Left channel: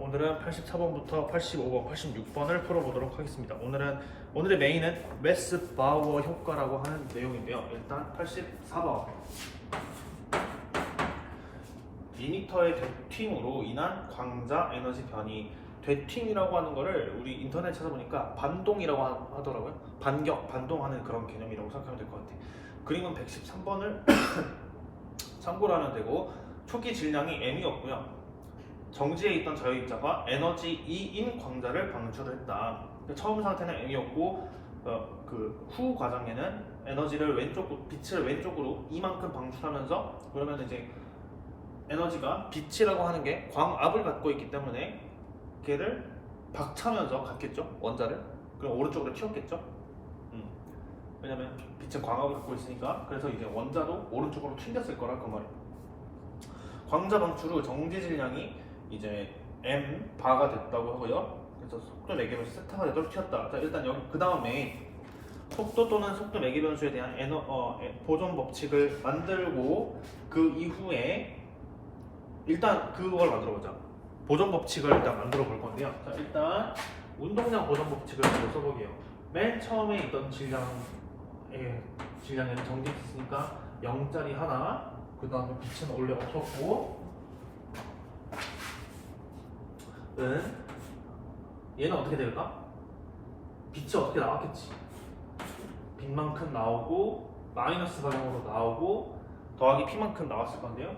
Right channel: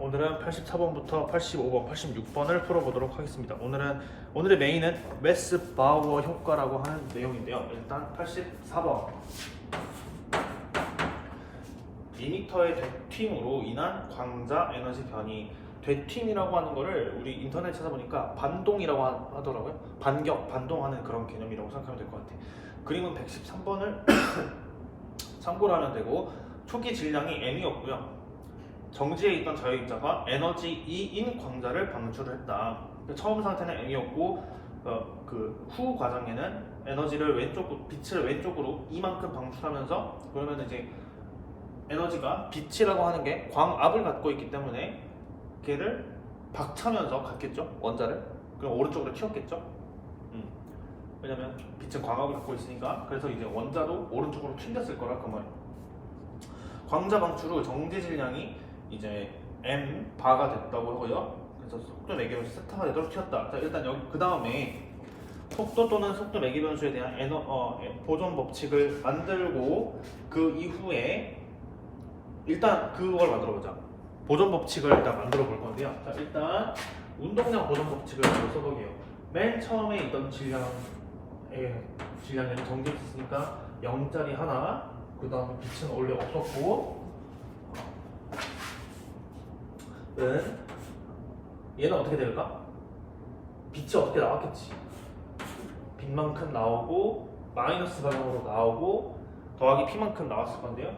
오늘은 84번부터 85번, 86번을 풀어보도록 하겠습니다. 오늘의 메인은 웨스바우어 효과라고 하는 내용인데요. 일단 84번 2m의 되튑으로 인한 광자 에너지 변이. 되튑이라고 하는 거를 우리 인터넷 찾아보니까 반동이라고 하더라고요. 반동하는 그런 개념이라고 생각하면 될 것 같아요. 그림은 113번을 참고로 하면 되고, 초기 질량이 m이었고요. 정지에 있던 자유입자가 에너지 E인 광자를 방출을 했다. 처음 상태는 m이었고, 그 후 과정에는 에너지를 빛을 왼쪽으로 이만큼 방출하면서, 그러면 이제 에너지가 빛이라고 하는 게 광압을 갖고 있기 때문에 걔를 박차면서 갔겠죠, 원자를. 그럼 오른쪽으로 튀었겠죠. 왜냐면 빛은 광압을 갖고 있으니까. 그래서 이제 원자도 오른쪽으로 튕겼을 거라 그 말이에요. 광자 방출 후 정지 질량이 이제 m 바가 됐다고 하고요. 그래서 속도 매개 변수 세타가 되도록 튀었다. 자, 일단 여기 그 다음에 속도 또는 속도 매개 변수에 대한 보존 법칙을 만들고, 그 이후에 일단 그걸 만들어 보자. 보존 법칙을 일단 만들어 볼 건데요. 자, 일단 운동량 보존 법칙을 먼저 써보게요. 맨 처음에 있던 질량에는 정지했으니까 0짜리 하나, 그 다음에 빛은 원래 없었고, 얘는 어떻게 될까? 빛이 어떻게 나왔겠지. 빛만큼 나오고 마이너스 방향으로 나오고 더하기 P만큼 나왔을 건데요.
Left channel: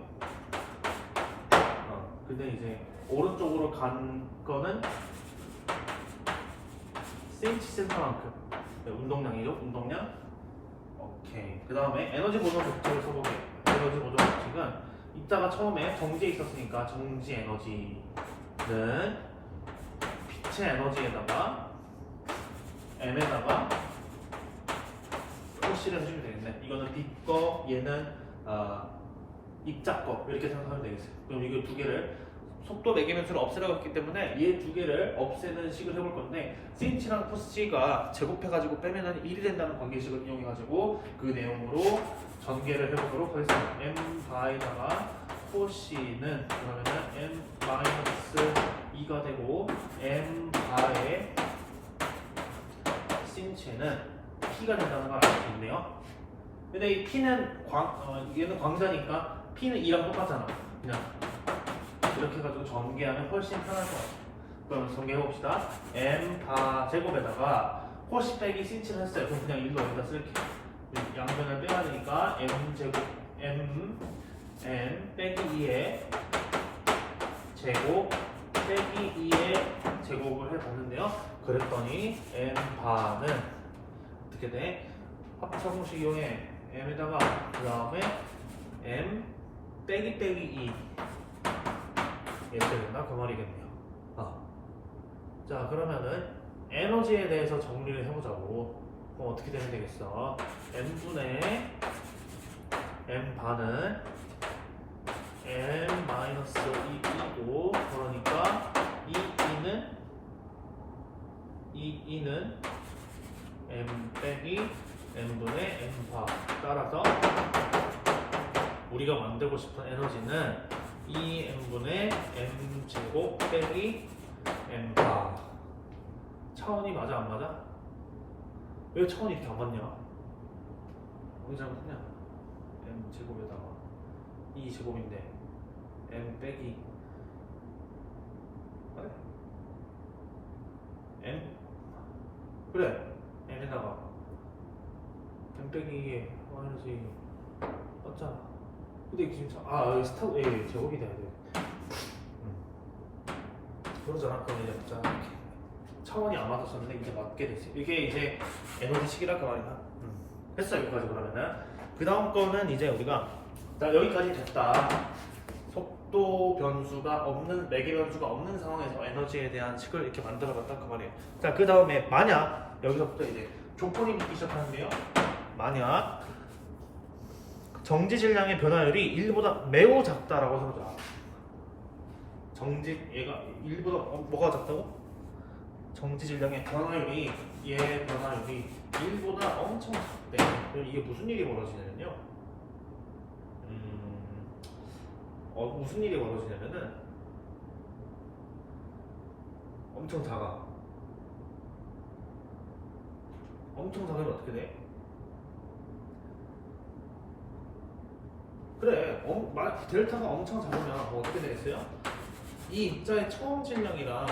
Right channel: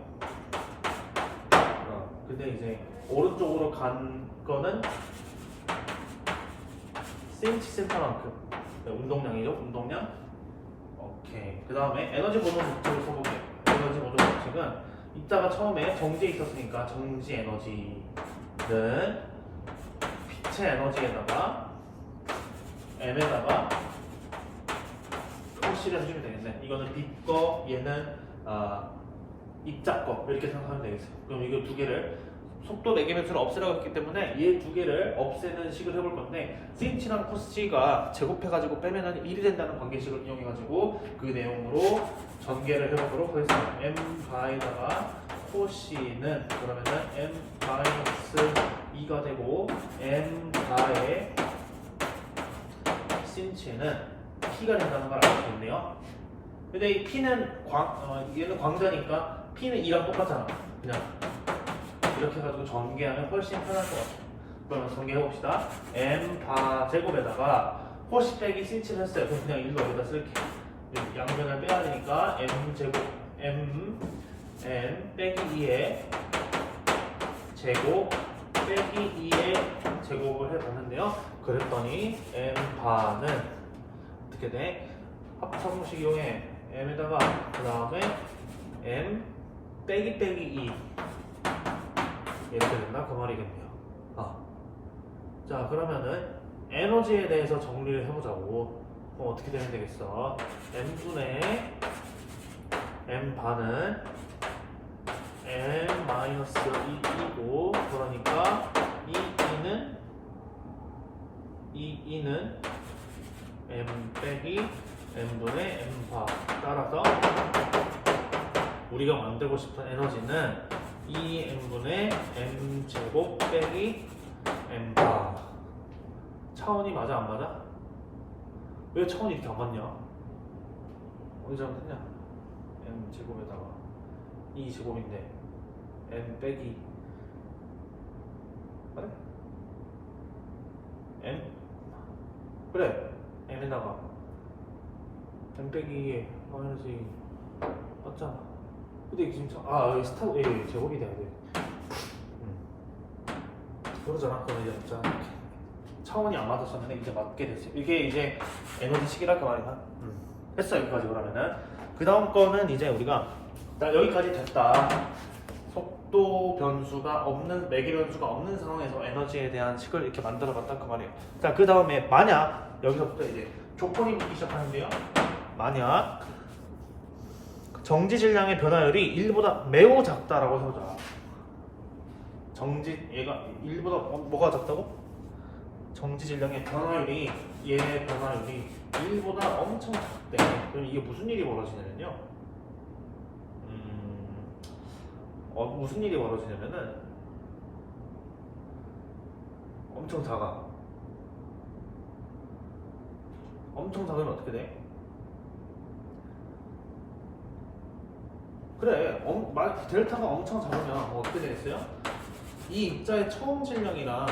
근데 이제 오른쪽으로 간 거는 cm만큼 운동량이죠. 운동량. 오케이. 그 다음에 에너지 보존 법칙을 써볼게요. 에너지 보존 법칙은 이따가 처음에 정지에 있었으니까 정지 에너지는 빛의 에너지에다가 m에다가 표시를 해주면 되겠네. 이거는 빛 거, 얘는 입자 거, 이렇게 생각하면 되겠어요. 그럼 이거 두 개를 속도 매개 변수를 없애라고 했기 때문에 얘 두 개를 없애는 식을 해볼 건데, sin랑 cos가 제곱해가지고 빼면은 1이 된다는 관계식을 이용해가지고 그 내용으로 전개를 해보도록 하겠습니다. m 바에다가 cos는 그러면은 m-2가 되고, m 바에 sin는 p가 된다는 걸 알 수 있네요. 근데 이 p는 얘는 광자니까 p는 2랑 똑같잖아. 그냥 이렇게 해가지고 전개하면 훨씬 편할 것 같아요. 그러면 전개해봅시다. m 바 제곱에다가 코시 빼기 sin를 했어요. 그럼 그냥 1로 여기다 쓸게요. 양변을 빼야 되니까 m 제곱 m n 빼기 2의 제곱 빼기 2의 제곱을 해봤는데요. 그랬더니 m 바는 어떻게 돼? 합성식 이용해. m에다가 그 다음에 m 빼기 2 이렇게 된다 그 말이겠네요. 자, 그러면은 에너지에 대해서 정리를 해보자고. 그럼 어떻게 되면 되겠어? m분의 m 바는 m-2이고, 그러니까 이는 m 빼기 m분의 m바. 따라서 우리가 만들고 싶은 에너지는 2m분의 m제곱 빼기 m바. 차원이 맞아 안 맞아? 왜 차원이 이렇게 안 맞냐? 어디 잘못했냐? m제곱에다가 2제곱인데 m 빼기 그래? m? 그래, m에다가 m 빼기 2에 마이너스 2 맞잖아. 근데 지금 여기 제곱이 돼야 돼. 모르잖아. 그럼 이제 맞잖아. 차원이 안 맞았었는데 이제 맞게 됐어요. 이게 이제 에너지식이라고 말이야. 됐어. 여기까지. 그러면은 그 다음 거는 이제 우리가 여기까지 됐다. 속도 변수가 없는, 매개 변수가 없는 상황에서 에너지에 대한 식을 이렇게 만들어봤다 그 말이에요. 자, 그 다음에 만약 여기서부터 이제 조건이 붙기 시작하는데요. 만약 정지 질량의 변화율이 1보다 매우 작다라고 해보자. 얘가 1보다 뭐가 작다고? 정지 질량의 변화율이, 얘 변화율이 1보다 엄청 작대. 그럼 이게 무슨 일이 벌어지냐면요. 무슨 일이 벌어지냐면은 엄청 작아. 엄청 작으면 어떻게 돼? 그래, 델타가 엄청 작으면 어떻게 되겠어요? 이 입자의 처음 질량이랑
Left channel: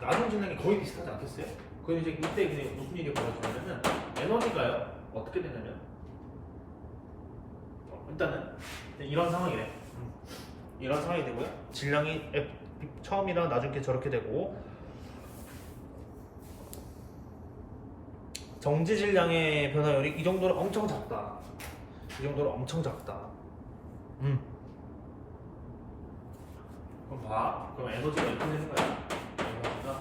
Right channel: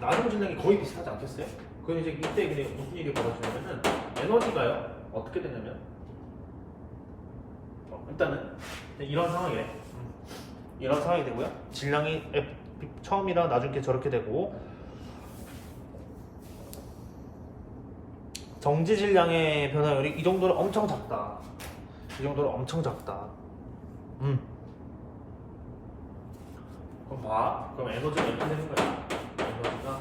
나중 질량이 거의 비슷하지 않겠어요? 그럼 이제 이때 그냥 무슨 일이 벌어지냐면은 에너지가요 어떻게 되냐면 일단은 이런 상황이래. 이런 상황이 되고요. 질량이 처음이랑 나중에 저렇게 되고 정지 질량의 변화율이 이 정도로 엄청 작다. 이 정도로 엄청 작다. 그럼 봐. 그럼 에너지가 이렇게 되는 거야. 에너지가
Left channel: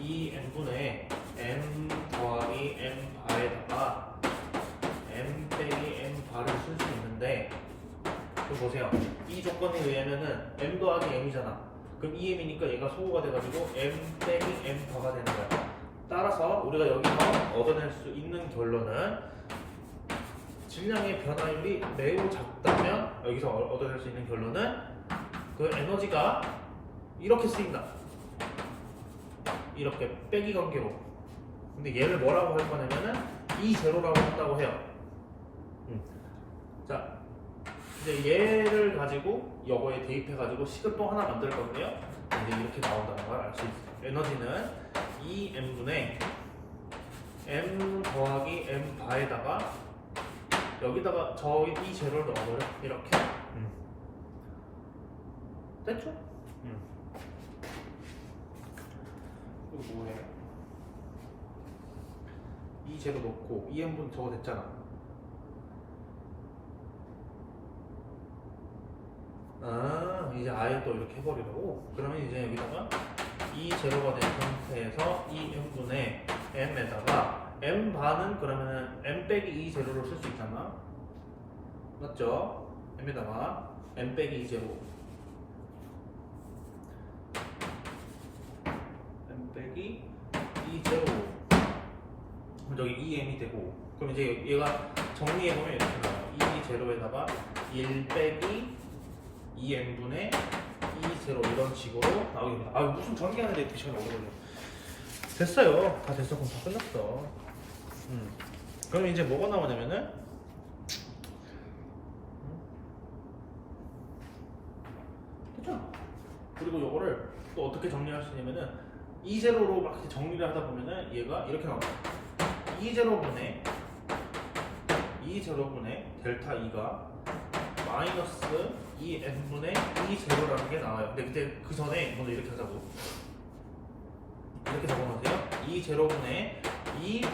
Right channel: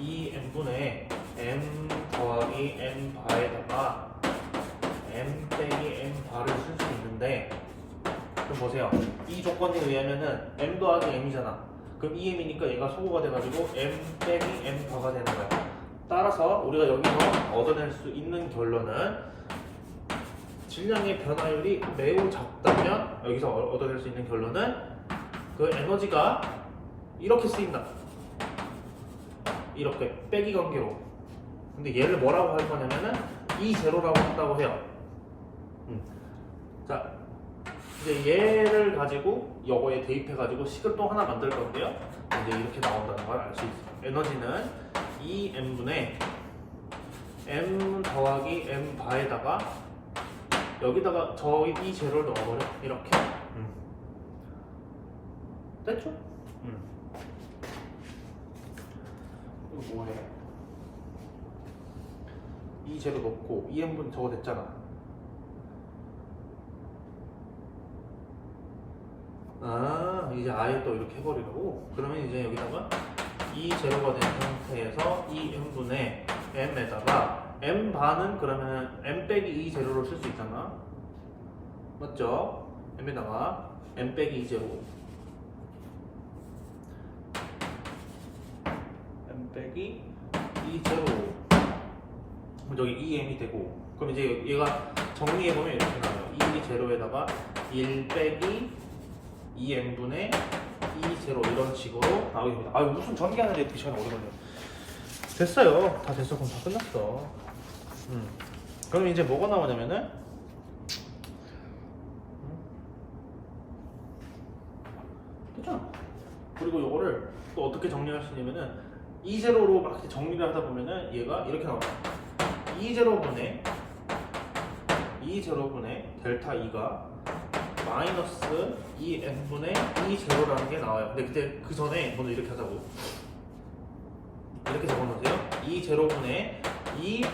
2m분의 m 더하기 m 바에다가 m 빼기 m 바를 쓸 수 있는데 그럼 보세요. 이 조건에 의하면은 m 더하기 m이잖아. 그럼 2m이니까 얘가 소구가 돼가지고 m 빼기 m 바가 되는 거야. 따라서 우리가 여기서 얻어낼 수 있는 결론은 질량의 변화율이 매우 작다면 여기서 얻어낼 수 있는 결론은 그 에너지가 이렇게 쓰인다. 이렇게 빼기 관계로. 근데 얘를 뭐라고 할 거냐면은 이 제로라고 한다고 해요. 자, 이제 얘를 가지고 요거에 대입해 가지고 식을 또 하나 만들 건데요. 이제 이렇게 나온다는 걸 알 수 있어요. 에너지는 2m분의 m 더하기 m 바에다가 여기다가 이 제로를 넣어버려. 이렇게. 됐죠? 이거 뭐해? 이 제로 넣고 2m분 저거 됐잖아. 아, 이제 아예 또 이렇게 해버리려고? 그러면 이제 여기다가 이 제로가 된 상태에서 2m분의 m에다가 m 반은 그러면은 m 빼기 2 제로를 쓸 수 있잖아. 맞죠? m에다가 m 빼기 2 제로 m 빼기 2 제로 저기 2m이 되고 그럼 이제 얘가 정리해보면 이렇게 나와요. 2 제로에다가 1 빼기 2m분의 2 제로 이런 식으로 나오게 됩니다. 아 무슨 전개하는데 이렇게 시간이 오래 걸려. 됐어요. 다 됐어. 그럼 다 끝났어. 그럼 이제 뭐가 나오냐면은 됐잖아. 그리고 이거를 또 어떻게 정리할 수 있냐면은 2제로로 막 정리를 하다 보면은 얘가 이렇게 나와요. 2제로분의 델타 2가 마이너스 2n분의 2제로라는 게 나와요. 근데 그때 그 전에 이거는 이렇게 하자고. 이렇게 적어놓으세요. 2제로분의 2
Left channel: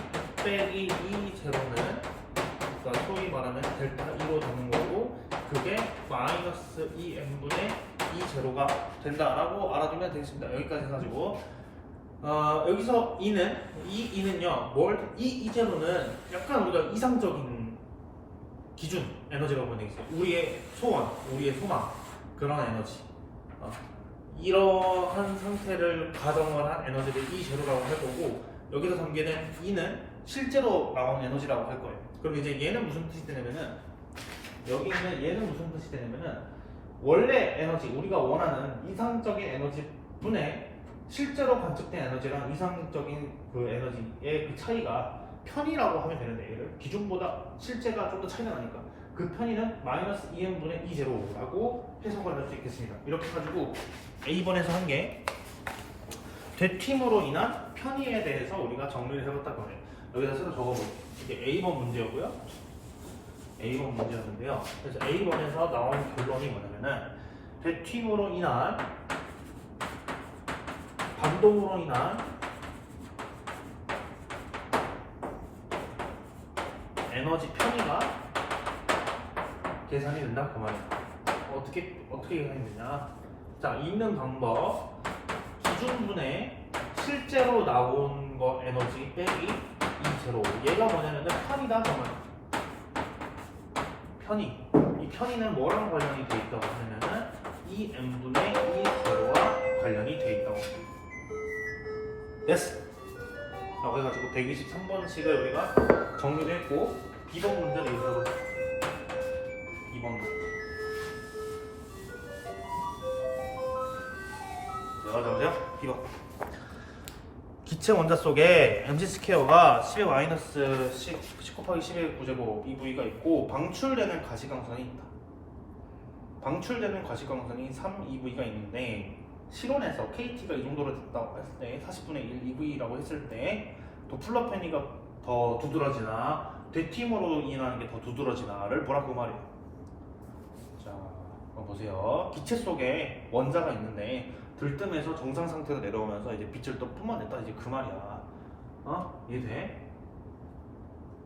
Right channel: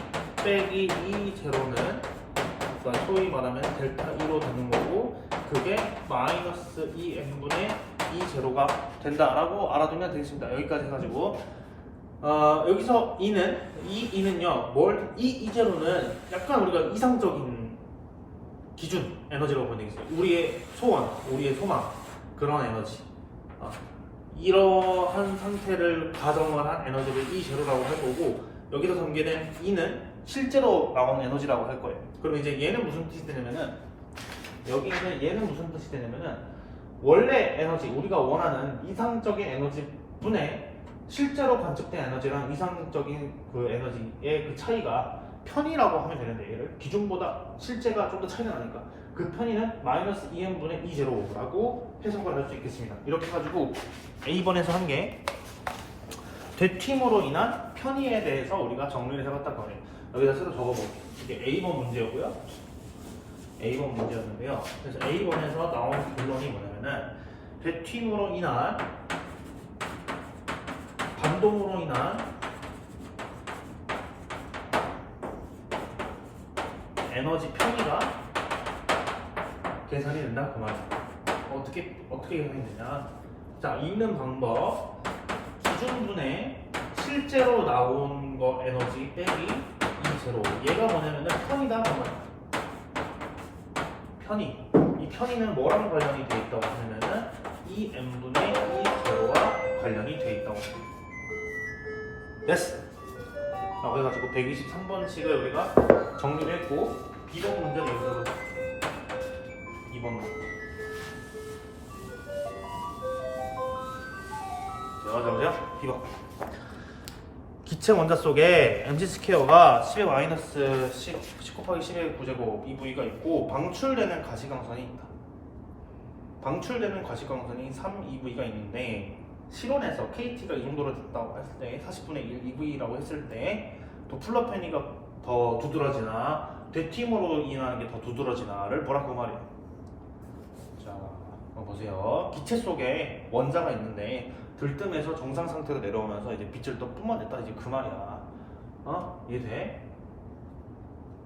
빼기 2제로는 그러니까 소위 말하면 델타 2로 되는 거고 그게 마이너스 2n분의 2제로가 된다라고 알아두면 되겠습니다. 여기까지 해가지고 여기서 이 2는요 이 제로는 약간 우리가 이상적인 기준 에너지라고 보면 되겠어요. 우리의 소원, 우리의 소망 그런 에너지 이러한 상태를 가정을 한 에너지를 이 제로라고 할 거고 여기서 전개된 2는 실제로 나오는 에너지라고 할 거예요. 그럼 이제 얘는 무슨 뜻이 되냐면은 여기 있는 얘는 무슨 뜻이 되냐면은 원래 에너지 우리가 원하는 이상적인 에너지 분의 실제로 관측된 에너지랑 이상적인 그 에너지의 그 차이가 편이라고 하면 되는데 얘를 기준보다 실제가 좀 더 차이가 나니까 그 편이는 마이너스 2n분의 2제로라고 해석을 할 수 있겠습니다. 이렇게 해가지고 A번에서 한 게 되튑으로 인한 편의에 대해서 우리가 정리를 해봤다고 하면 여기다 새로 적어볼게요. 이게 A번 문제였고요. A번 문제였는데요. 그래서 A번에서 나온 결론이 뭐냐면은 되튑으로 인한 반동으로 인한 에너지 편의가 계산이 된다 그 말이야. 어떻게 계산이 되냐? 자, 있는 방법 기준분의 실제로 나온 거 에너지 빼기 2제로 얘가 뭐냐면은 편이다 그 말이야. 편의. 이 편의는 뭐랑 관련이 돼 있다고 하냐면은 2n분의 2제로와 관련이 돼 있다고 합니다. 됐어. 라고 해가지고 123번씩을 우리가 정리를 했고 B번 문제는 여기서 볼게요. 2번 문제. 자, 보세요. B번. 기체 원자 속에 mc 스퀘어가 10의 마이너스 10 곱하기 10의 9제곱 EV가 있고 방출되는 가시광선이 있다. 방출되는 가시광선이 3EV가 있는데 실온에서 KT가 이 정도로 됐다고 했을 때 40분의 1 EV라고 했을 때 도플러 편의가 더 두드러지나 되팀으로 인하는 게 더 두드러지나를 뭐라고 말해요. 자, 한번 보세요. 기체 속에 원자가 있는데 들뜸에서 정상 상태로 내려오면서 이제 빛을 또 뿜어냈다 이제 그 말이야. 이해돼?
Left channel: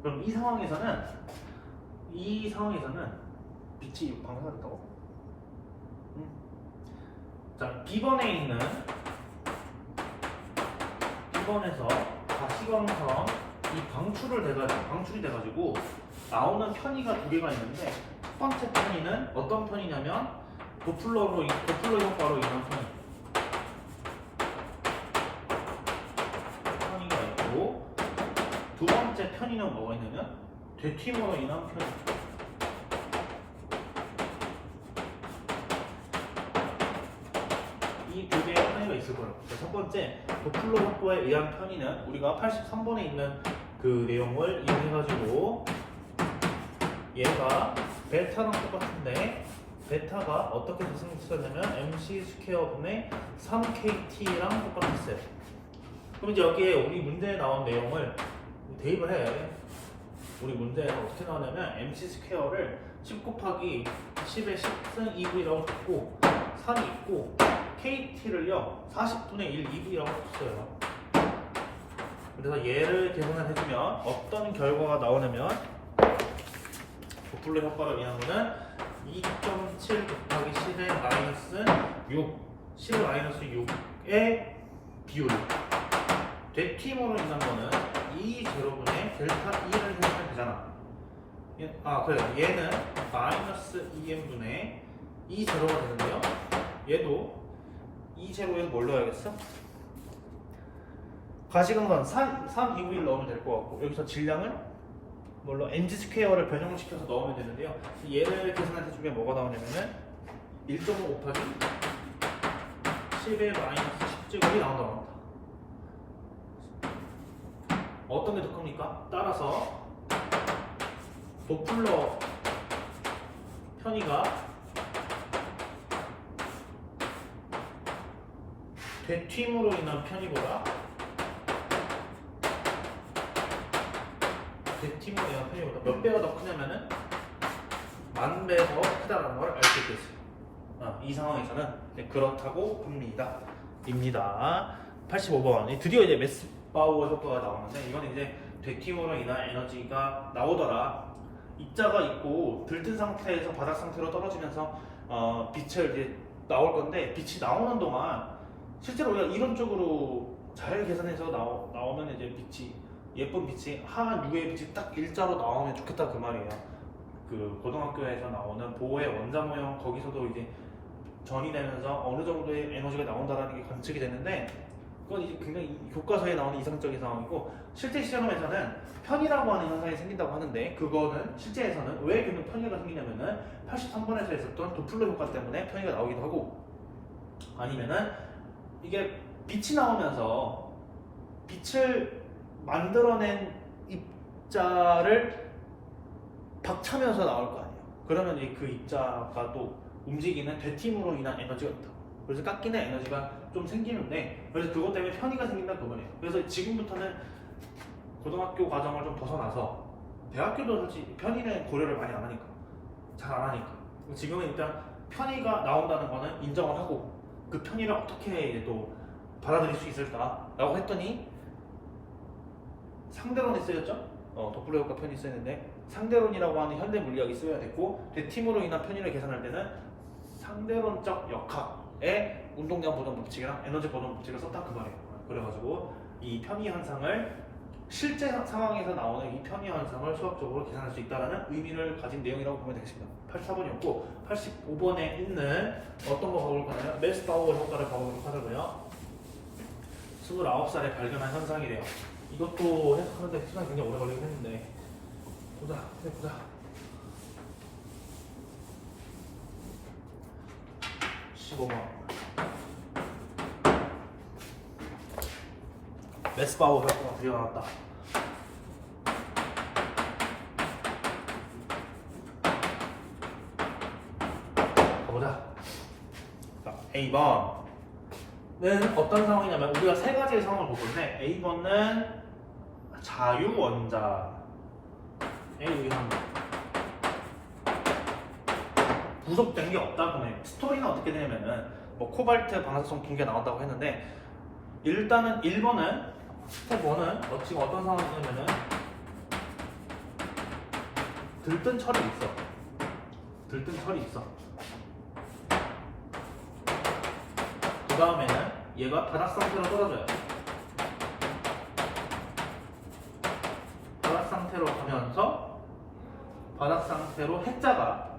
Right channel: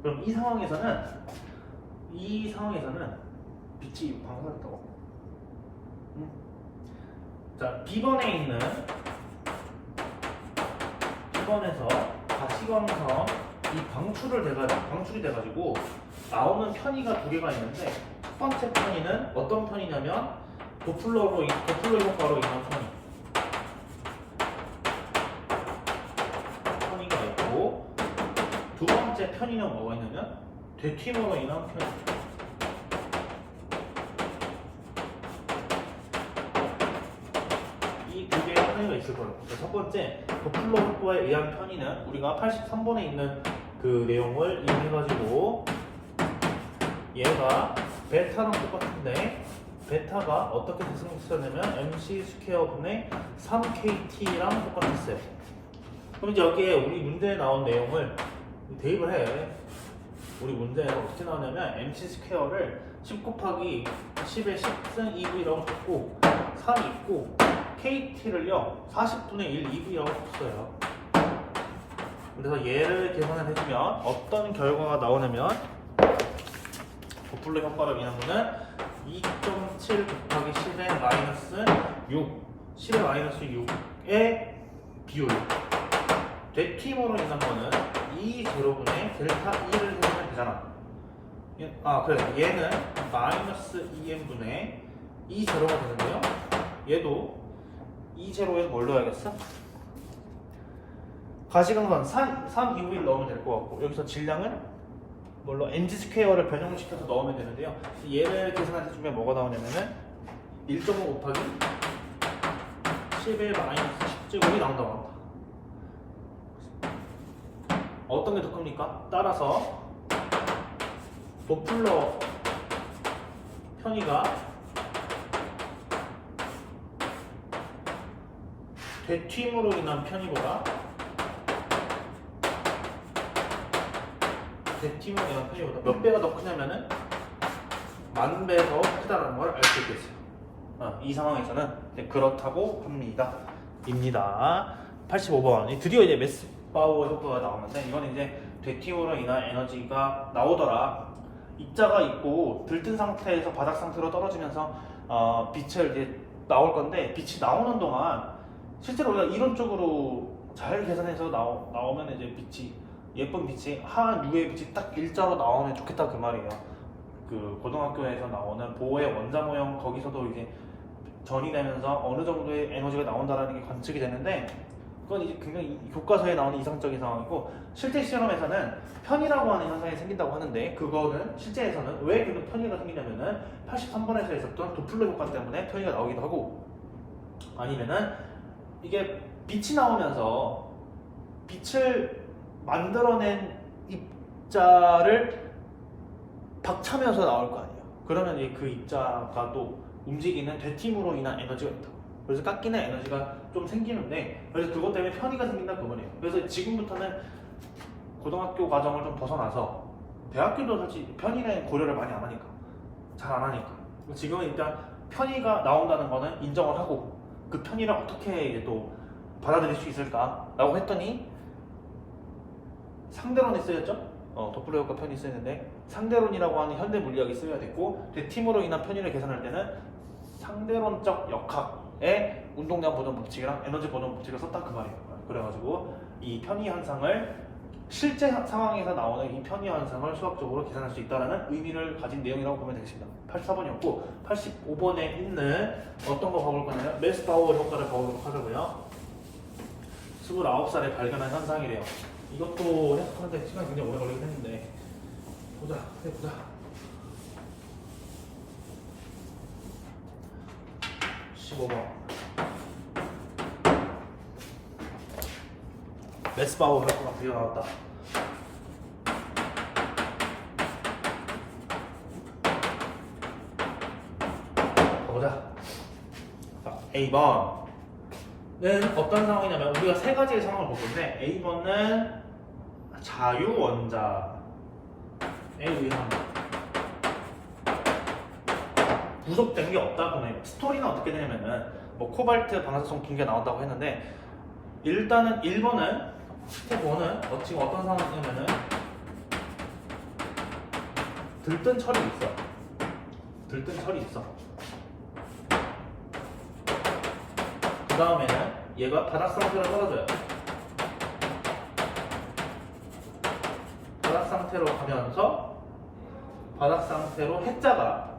그럼 이 상황에서는 빛이 방사가 됐다고. 자, B번에서 가시광선 이 방출이 돼가지고 나오는 편의가 두 개가 있는데 첫 번째 편의는 어떤 편이냐면 도플러 효과로 인한 편의가 있고 두 번째 편의는 뭐가 있냐면 되튀임으로 인한 편의. 이 두 개의 편의가 있을 거예요. 첫 번째 도플러 효과에 의한 편의는 우리가 83번에 있는 그 내용을 이용해가지고 얘가 베타랑 똑같은데 베타가 어떻게 대승했냐면 mc 스퀘어분의 3kt랑 똑같았어요. 그럼 이제 여기에 우리 문제에 나온 내용을 대입을 해. 우리 문제에서 어떻게 나오냐면 mc 스퀘어를 10 곱하기 10의 10승 2v라고 줬고 3 있고 kt를요 40분의 1 2v라고 줬어요. 그래서 얘를 계산을 해주면 어떤 결과가 나오냐면 도플러 효과로 인한 거는 2.7 곱하기 10의 마이너스 6 10의 마이너스 6의 비율 되팀으로 인한 거는 2제로분의 델타 2를 해주면 되잖아. 그래, 얘는 마이너스 2n분의 2제로가 되는데요 얘도 2제로에 뭘 넣어야겠어? 가시광선 3EV를 넣으면 될 것 같고 여기서 질량은 뭘로 mg 스퀘어를 변형시켜서 넣으면 되는데요. 얘를 계산해주면 뭐가 나오냐면은 1.5 곱하기 11 마이너스 10제곱이 나온다고 합니다. 어떤 게 더 큽니까? 따라서 도플러 편의가 되튀임으로 인한 편의보다 되팀으로 인한 편의보다 몇 배가 더 크냐면은 10,000배 더 크다라는 걸 알 수 있겠어요. 이 상황에서는 그렇다고 합니다. 입니다. 85번. 드디어 이제 메스바우어 효과가 나오는데 이건 이제 되팀으로 인한 에너지가 나오더라. 입자가 있고 들뜬 상태에서 바닥 상태로 떨어지면서 빛을 이제 나올 건데 빛이 나오는 동안 실제로 우리가 이론적으로 잘 계산해서 나오면 이제 빛이 예쁜 빛이 한 유의 빛이 딱 일자로 나오면 좋겠다 그 말이에요. 그 고등학교에서 나오는 보호의 원자 모형 거기서도 이제 전이 되면서 어느 정도의 에너지가 나온다라는 게 관측이 되는데 그건 이제 굉장히 교과서에 나오는 이상적인 상황이고 실제 실험에서는 편의라고 하는 현상이 생긴다고 하는데 그거는 실제에서는 왜 그런 편의가 생기냐면은 83번에서 있었던 도플러 효과 때문에 편의가 나오기도 하고 아니면은 이게 빛이 나오면서 빛을 만들어낸 입자를 박차면서 나올 거 아니에요. 그러면 그 입자가 또 움직이는 되팀으로 인한 에너지가 있다. 그래서 깎이는 에너지가 좀 생기는데 그래서 그것 때문에 편의가 생긴다 그 말이에요. 그래서 지금부터는 고등학교 과정을 좀 벗어나서 대학교도 솔직히 편의는 고려를 많이 안 하니까 잘 안 하니까 지금은 일단 편의가 나온다는 거는 인정을 하고 그 편의를 어떻게 또 받아들일 수 있을까 라고 했더니 상대론이 쓰였죠? 도플러 효과 편이 쓰였는데 상대론이라고 하는 현대 물리학이 쓰여야 됐고 되팀으로 인한 편의를 계산할 때는 상대론적 역학의 운동량 보존 법칙이랑 에너지 보존 법칙을 썼다 그 말이에요. 그래가지고 이 편의 현상을 실제 상황에서 나오는 이 편의 현상을 수학적으로 계산할 수 있다는 의미를 가진 내용이라고 보면 되겠습니다. 84번이었고 85번에 있는 어떤 거 가볼 거냐면 메스바우어 효과를 가보도록 하자고요. 29살에 발견한 현상이래요. 이것도 해석하는데 시간이 굉장히 오래 걸리긴 했는데 해보자. 15번 메스바우 효과가 드디어 나왔다. 가보자. 자, A번은 어떤 상황이냐면 우리가 세 가지의 상황을 볼 건데 A번은 자유원자에 의한 부속된 게 없다. 그러면 스토리는 어떻게 되냐면은 뭐 코발트 방사성 붕괴 나온다고 했는데 일단은 1번은 스텝 1은 지금 어떤 상황이냐면은 들뜬 철이 있어. 들뜬 철이 있어. 그 다음에는 얘가 바닥 상태로 떨어져요. 바닥 상태로 가면서 바닥 상태로 해자가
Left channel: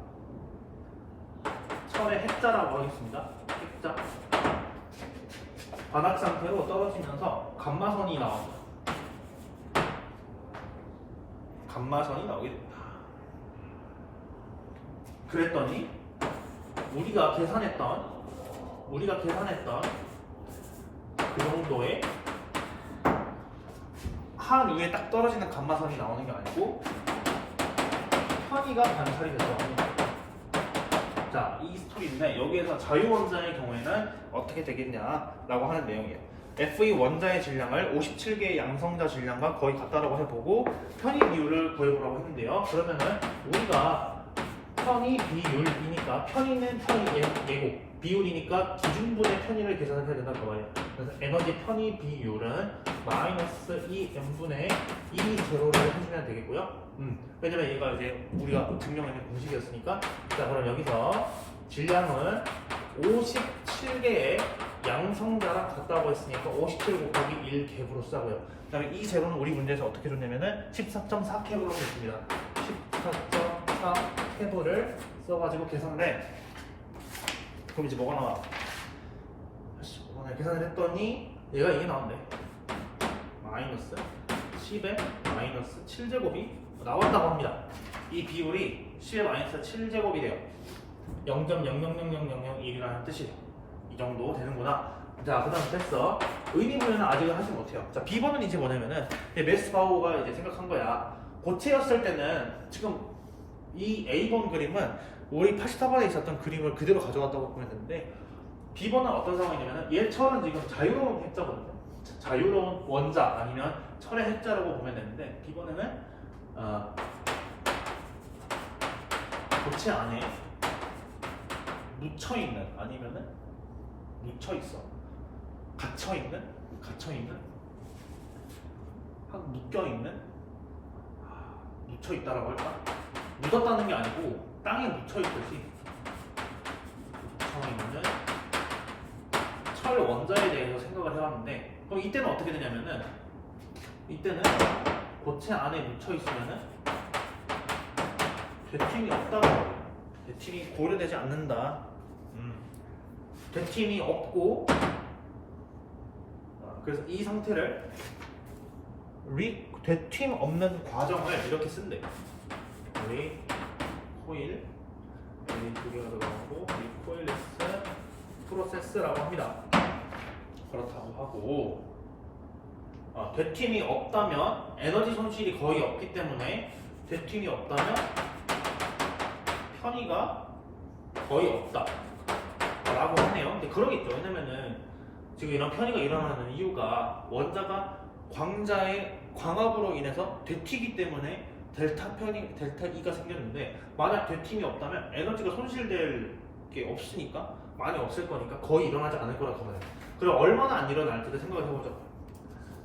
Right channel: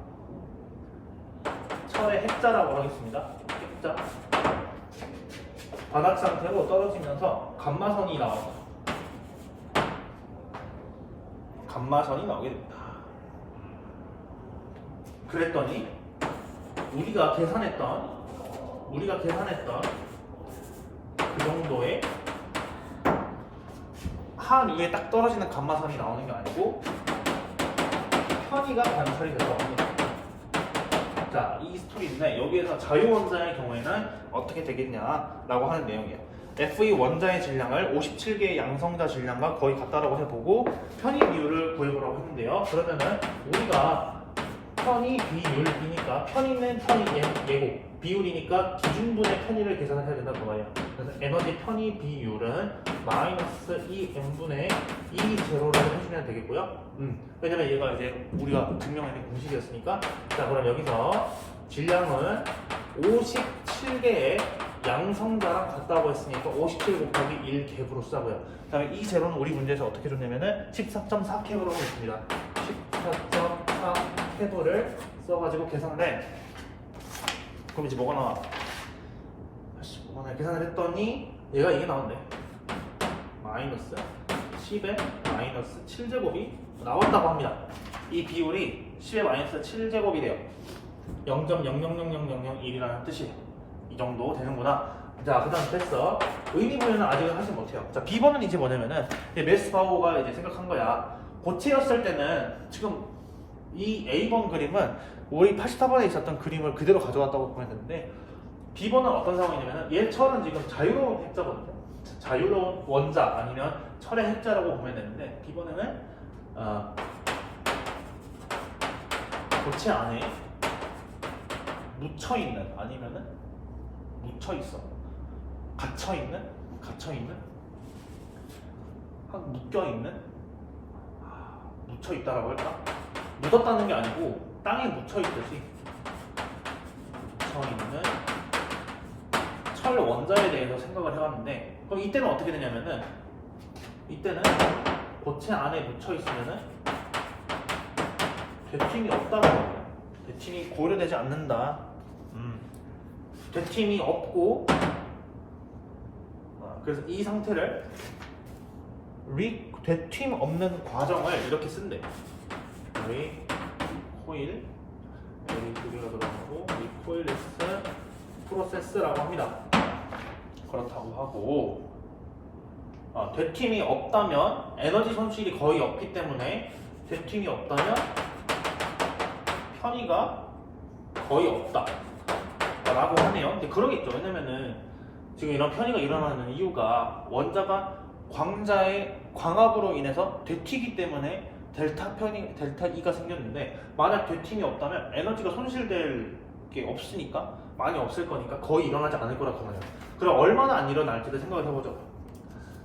철의 해자라고 하겠습니다. 해자. 바닥 상태로 떨어지면서 감마선이 나온다. 감마선이 나오게 됩니다. 그랬더니 우리가 계산했던 그 정도의 한 위에 딱 떨어지는 감마선이 나오는 게 아니고 편의가 관찰이 된다고 합니다. 자, 이 스토리인데 여기에서 자유원자의 경우에는 어떻게 되겠냐라고 하는 내용이에요. Fe 원자의 질량을 57개의 양성자 질량과 거의 같다라고 해보고 편의 비율을 구해보라고 했는데요. 그러면은 우리가 편의 비율이니까 편의는 편의 예고, 비율이니까 기준분의 편의를 계산을 해야 된다는 거 말이야. 그래서 에너지 편의 비율은 마이너스 2n분의 2 제로를 해주면 되겠고요. 왜냐면 얘가 이제 우리가 증명하는 공식이었으니까. 자, 그럼 여기서 질량은 57개의 양성자랑 같다고 했으니까 57 곱하기 1 갭으로 쓰자고요. 그 다음에 이 제로는 우리 문제에서 어떻게 줬냐면은 14.4 캡으로 했습니다. 14.4 캡을 써가지고 계산을 해. 그럼 이제 뭐가 나와? 계산을 했더니 얘가 이게 나온대. 마이너스 10에 마이너스 7제곱이 나왔다고 합니다. 이 비율이 10에 마이너스 7제곱이 돼요. 0.000001이라는 뜻이 이 정도 되는구나. 자, 그 다음 됐어. 의미 부여는 아직은 하지 못해요. 자, B번은 이제 뭐냐면은 메스바우가 이제 생각한 거야. 고체였을 때는 지금 이 A번 그림은 우리 84번에 있었던 그림을 그대로 가져왔다고 보면 되는데 B번은 어떤 상황이냐면 얘 철은 지금 자유로운 핵자거든요. 자유로운 원자 아니면 철의 핵자라고 보면 되는데 B번에는 고체 안에 묻혀있는 아니면은 묻혀있어 갇혀있는 묶여있는 묻혀있다라고 할까? 묻었다는 게 아니고 땅에 묻혀있듯이 묻혀있는 철 원자에 대해서 생각을 해왔는데 그럼 이때는 어떻게 되냐면은 이때는 고체 안에 묻혀있으면은 되팀이 없다고 해요. 되팀이 고려되지 않는다. 되팀이 없고 그래서 이 상태를 되팀 없는 과정을 이렇게 쓴대. 리코일 리코일리스 프로세스라고 합니다. 그렇다고 하고 되팀이 없다면 에너지 손실이 거의 없기 때문에 되팀이 없다면 편의가 거의 없다 라고 하네요. 근데 그러겠죠. 왜냐면은 지금 이런 편의가 일어나는 이유가 원자가 광자의 광합으로 인해서 되튀기 때문에 델타 E가 생겼는데 만약 되팀이 없다면 에너지가 손실될 게 없으니까 많이 없을 거니까 거의 일어나지 않을 거라고 말해요. 그럼 얼마나 안 일어날지도 생각을 해보죠.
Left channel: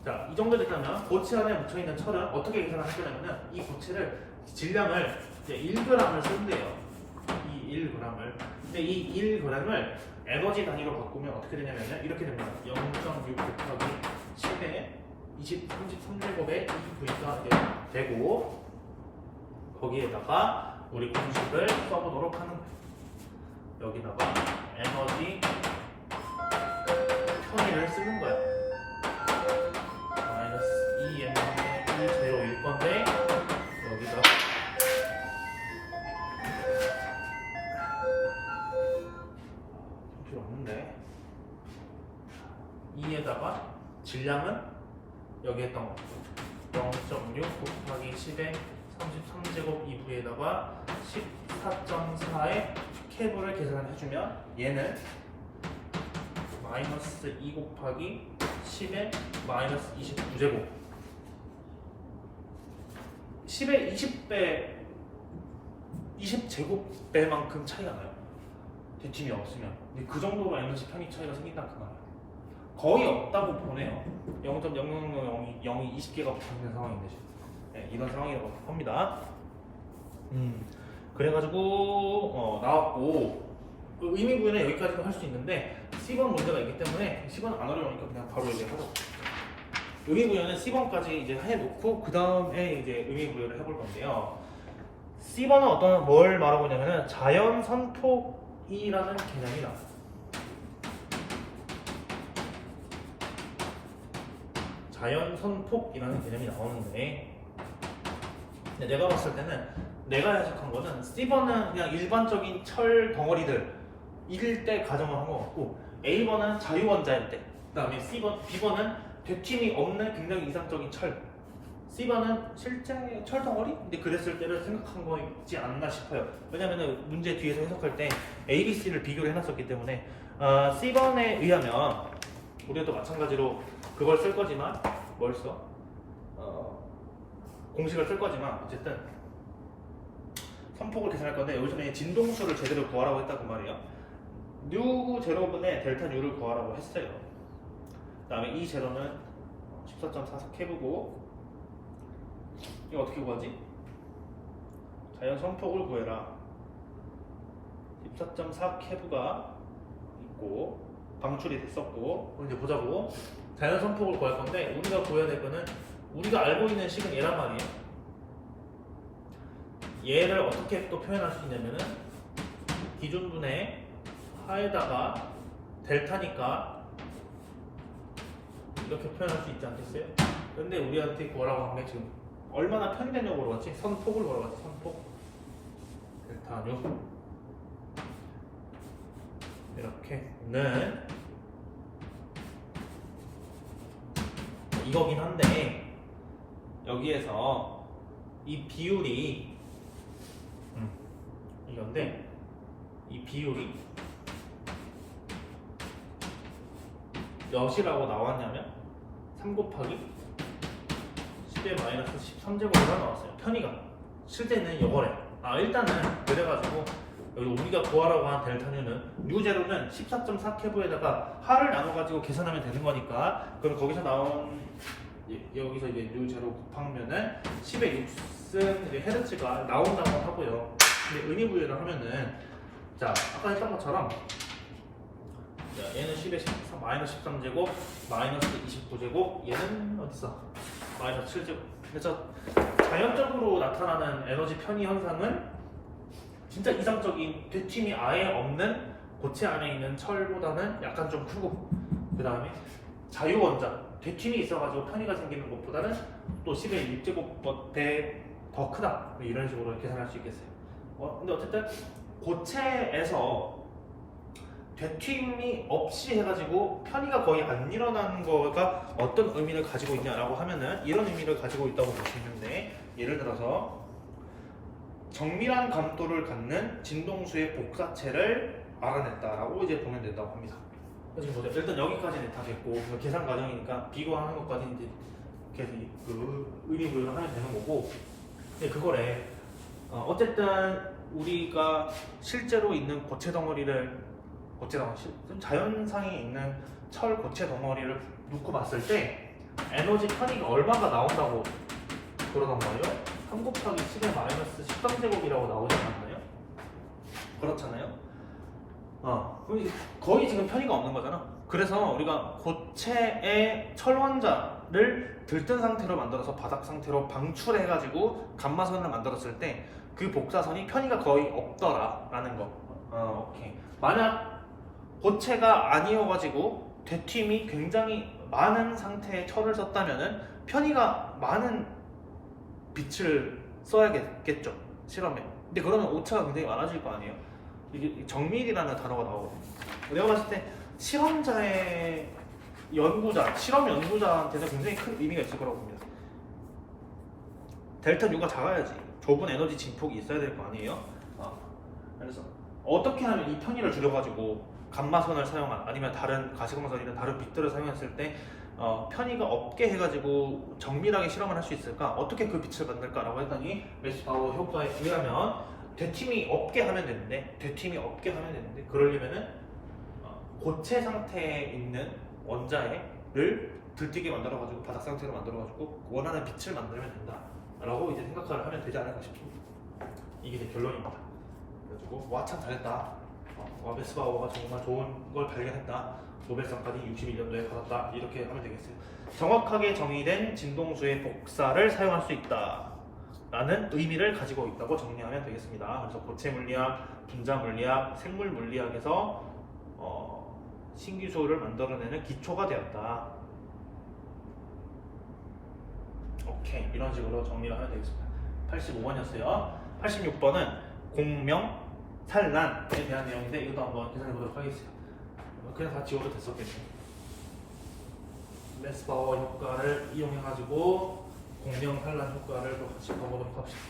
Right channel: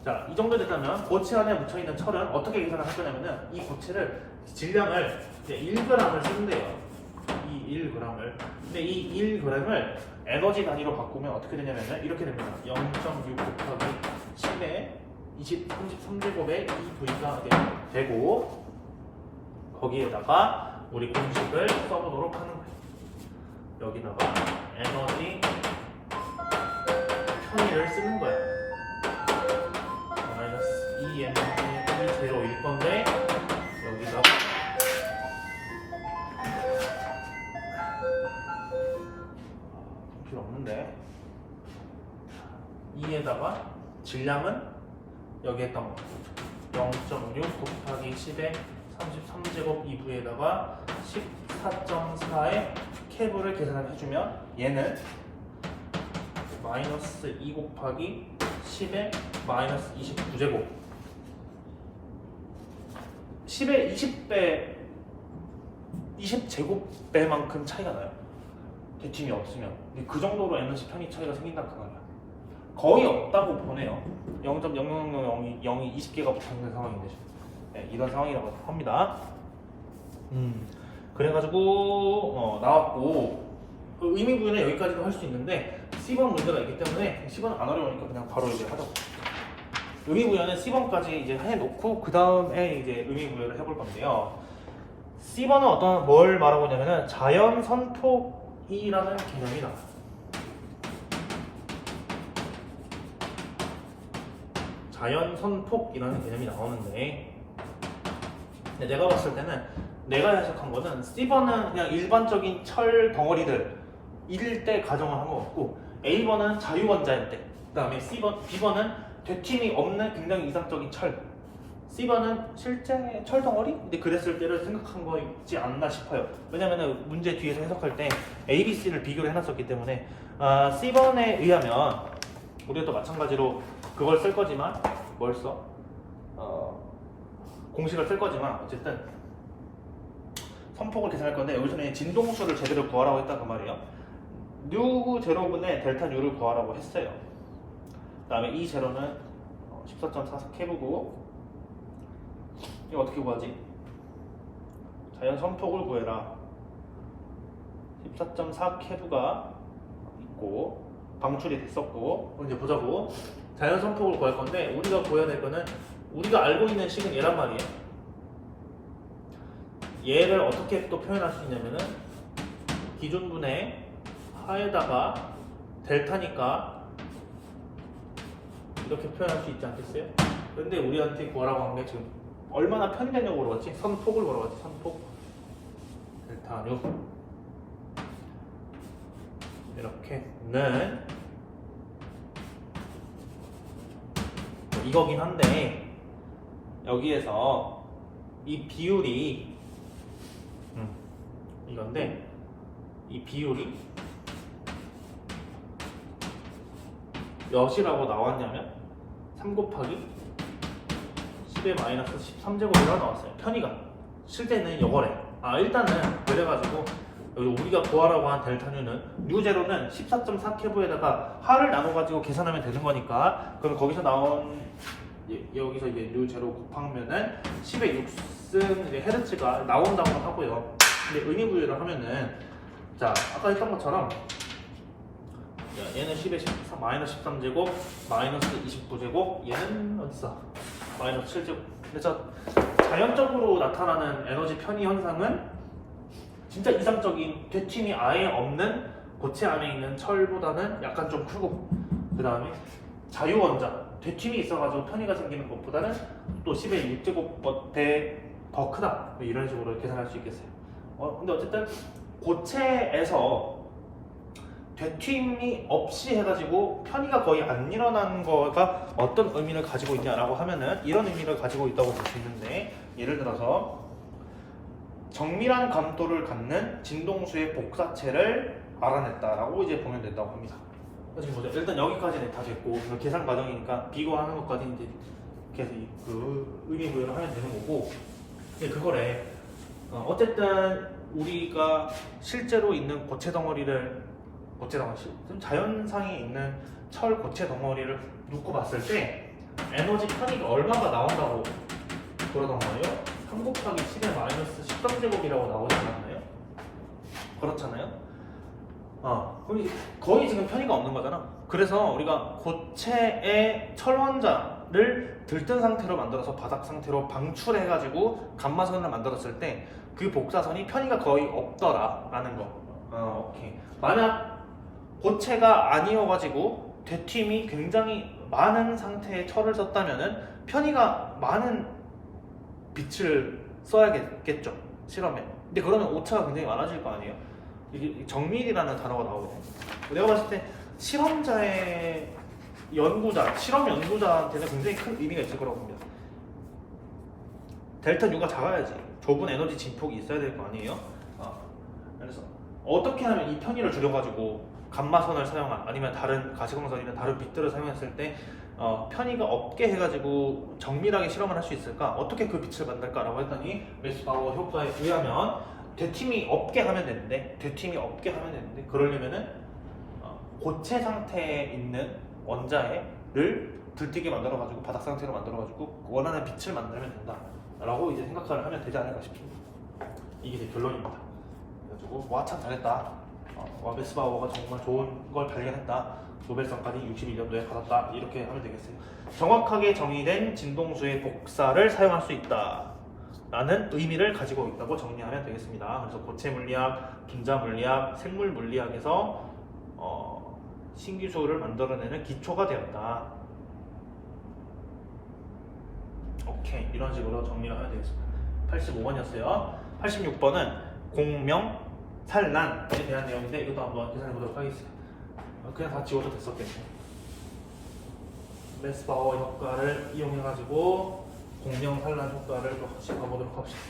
자, 이 정도 됐다면 고체 안에 묻혀있는 철은 어떻게 계산을 할 거냐면은 이 고체를 질량을 이제 1g을 쓴대요. 이 1g을. 근데 이 1g을 에너지 단위로 바꾸면 어떻게 되냐면은 이렇게 됩니다. 0.6 곱하기 10에 33제곱에 2V가 되고 거기에다가 우리 공식을 써보도록 하는 거예요. 여기다가 에너지 편의를 쓰는 거야. 마이너스 2m분의 2제로일 건데 여기다가 필요 없는데 2에다가 질량은 여기 했던 거 0.6 곱하기 10의 33제곱 2부에다가 14.4의 캡을 계산을 해주면 얘는 마이너스 2 곱하기 10의 마이너스 29제곱 10의 20배 20제곱배만큼 차이가 나요. 대칭이 없으면. 근데 그 정도로 에너지 편의 차이가 생긴다 그 말이야. 거의 없다고 보네요. 0.0000이 20개가 붙어있는 상황인데 네, 이런 상황이라고 합니다. 그래가지고 나왔고 의미 부여는 여기까지도 할 수 있는데 C번 문제가 있기 때문에 C번은 안 어려우니까 그냥 바로 이제 하자고. 의미 부여는 C번까지 이제 해놓고 그 다음에 이제 의미 부여를 해볼 건데요. C번은 뭘 말하고 있냐면은 자연 선폭이라는 개념이 나와요. 자연 선폭이라는 개념이 나오는데 근데 내가 봤을 때는 내가 해석한 거는 C번은 그냥 일반적인 철 덩어리들 일 때 가정을 한 것 같고 A번은 자유원자일 때 그 다음에 B번은 되튠이 없는 굉장히 이상적인 철 C번은 실제 철 덩어리? 근데 그랬을 때를 생각한 거있지 않나 싶어요. 왜냐면은 문제 뒤에서 해석할 때 A, B, C를 비교를 해놨었기 때문에 C번에 의하면 우리가 또 마찬가지로 그걸 쓸 거지만 뭘 써? 공식을 쓸 거지만 어쨌든 선폭을 계산할 건데 요즘에 진동수를 제대로 구하라고 했다고 말이에요. 누 제로분의 델타 U를 구하라고 했어요. 그 다음에 이 제로는 14.44 케브고 이거 어떻게 구하지? 자연 선폭을 구해라. 14.4 케브가 있고 방출이 됐었고 이제 보자고. 자연 선폭을 구할 건데 우리가 구해야 될 거는 우리가 알고 있는 식은 얘란 말이에요. 얘를 어떻게 또 표현할 수 있냐면은 기준분의 하에다가 델타니까 이렇게 표현할 수 있지 않겠어요? 근데 우리한테 구하라고 한 게 지금 얼마나 편되냐고 물어봤지? 선폭을 물어봤지. 선폭 델타 U 이렇게는 이거긴 한데 여기에서 이 비율이 이건데 이 비율이 몇이라고 나왔냐면 3 곱하기 10의 마이너스 13제곱이라고 나왔어요. 편의가 실제는 이거래. 일단은 그래가지고 여기 우리가 구하라고 한 델타 U는 U0는 14.4 케브에다가 하를 나눠가지고 계산하면 되는 거니까 그럼 거기서 나온 여기서 이제 U0 곱하면은 10의 6승 이제 헤르츠가 나온다고 하고요. 근데 의미 부여를 하면은 자 아까 했던 것처럼 얘는 10의 마이너스 13제곱 마이너스 29제곱 얘는 어딨어? 마이너스 7제곱. 그래서 자연적으로 나타나는 에너지 편의 현상은 진짜 이상적인 되튠이 아예 없는 고체 안에 있는 철보다는 약간 좀 크고 그 다음에 자유원자 되튠이 있어가지고 편의가 생기는 것보다는 또 10의 6제곱배 더 크다 뭐 이런 식으로 계산할 수 있겠어요. 근데 어쨌든 고체에서 되튠이 없이 해가지고 편의가 거의 안 일어나는 거가 어떤 의미를 가지고 있냐라고 하면은 이런 의미를 가지고 있다고 볼 수 있는데 예를 들어서 정밀한 감도를 갖는 진동수의 복사체를 알아냈다라고 이제 보면 된다고 합니다. 그래서 일단 여기까지는 다 됐고 계산 과정이니까 비교하는 것까지 이제 계속 그 의미 부여를 하면 되는 거고. 근데 그거래. 어쨌든 우리가 실제로 있는 고체 덩어리를 자연상에 있는 철 고체 덩어리를 놓고 봤을 때 에너지 편의가 얼마가 나온다고 그러던 거예요? 3 곱하기 10의 마이너스 13제곱이라고 나오지 않았나요? 그렇잖아요? 그럼 이게 거의 지금 편의가 없는 거잖아. 그래서 우리가 고체의 철원자를 들뜬 상태로 만들어서 바닥 상태로 방출해가지고 감마선을 만들었을 때 그 복사선이 편의가 거의 없더라라는 거. 오케이. 만약 고체가 아니어가지고 되튠이 굉장히 많은 상태의 철을 썼다면은 편의가 많은 빛을 써야겠죠 실험에. 근데 그러면 오차가 굉장히 많아질 거 아니에요. 이게 정밀이라는 단어가 나오거든요. 내가 봤을 때 실험자의 연구자, 실험 연구자한테는 굉장히 큰 의미가 있을 거라고 봅니다. 델타 U가 작아야지 좁은 에너지 진폭이 있어야 될 거 아니에요? 그래서 어떻게 하면 이 편의를 줄여가지고 감마선을 사용한 아니면 다른 가시광선이나 다른 빛들을 사용했을 때 편의가 없게 해가지고 정밀하게 실험을 할 수 있을까? 어떻게 그 빛을 만들까라고 했더니 웨스바우어 효과에 의하면 되팀이 없게 하면 되는데 그러려면은 고체 상태에 있는 원자를 들뜨게 만들어가지고 바닥 상태로 만들어가지고 원하는 빛을 만들면 된다라고 이제 생각을 하면 되지 않을까 싶습니다. 이게 이제 결론입니다. 그래가지고 와 참 잘했다. 웨스바우어가 정말 좋은 걸 발견했다. 노벨상까지 61년도에 받았다. 이렇게 하면 되겠어요. 정확하게 정의된 진동수의 복사를 사용할 수 있다 라는 의미를 가지고 있다고 정리하면 되겠습니다. 그래서 고체 물리학, 분자 물리학, 생물 물리학에서 신기술을 만들어내는 기초가 되었다. 오케이, 이런 식으로 정리를 하면 되겠습니다. 85번이었어요. 86번은 공명, 산란에 대한 내용인데 이것도 한번 계산해 보도록 하겠습니다. 그냥 다 지워도 됐었겠네. 웨스바우어 효과를 이용해 가지고 공명 산란 효과를 또 같이 가보도록 합시다.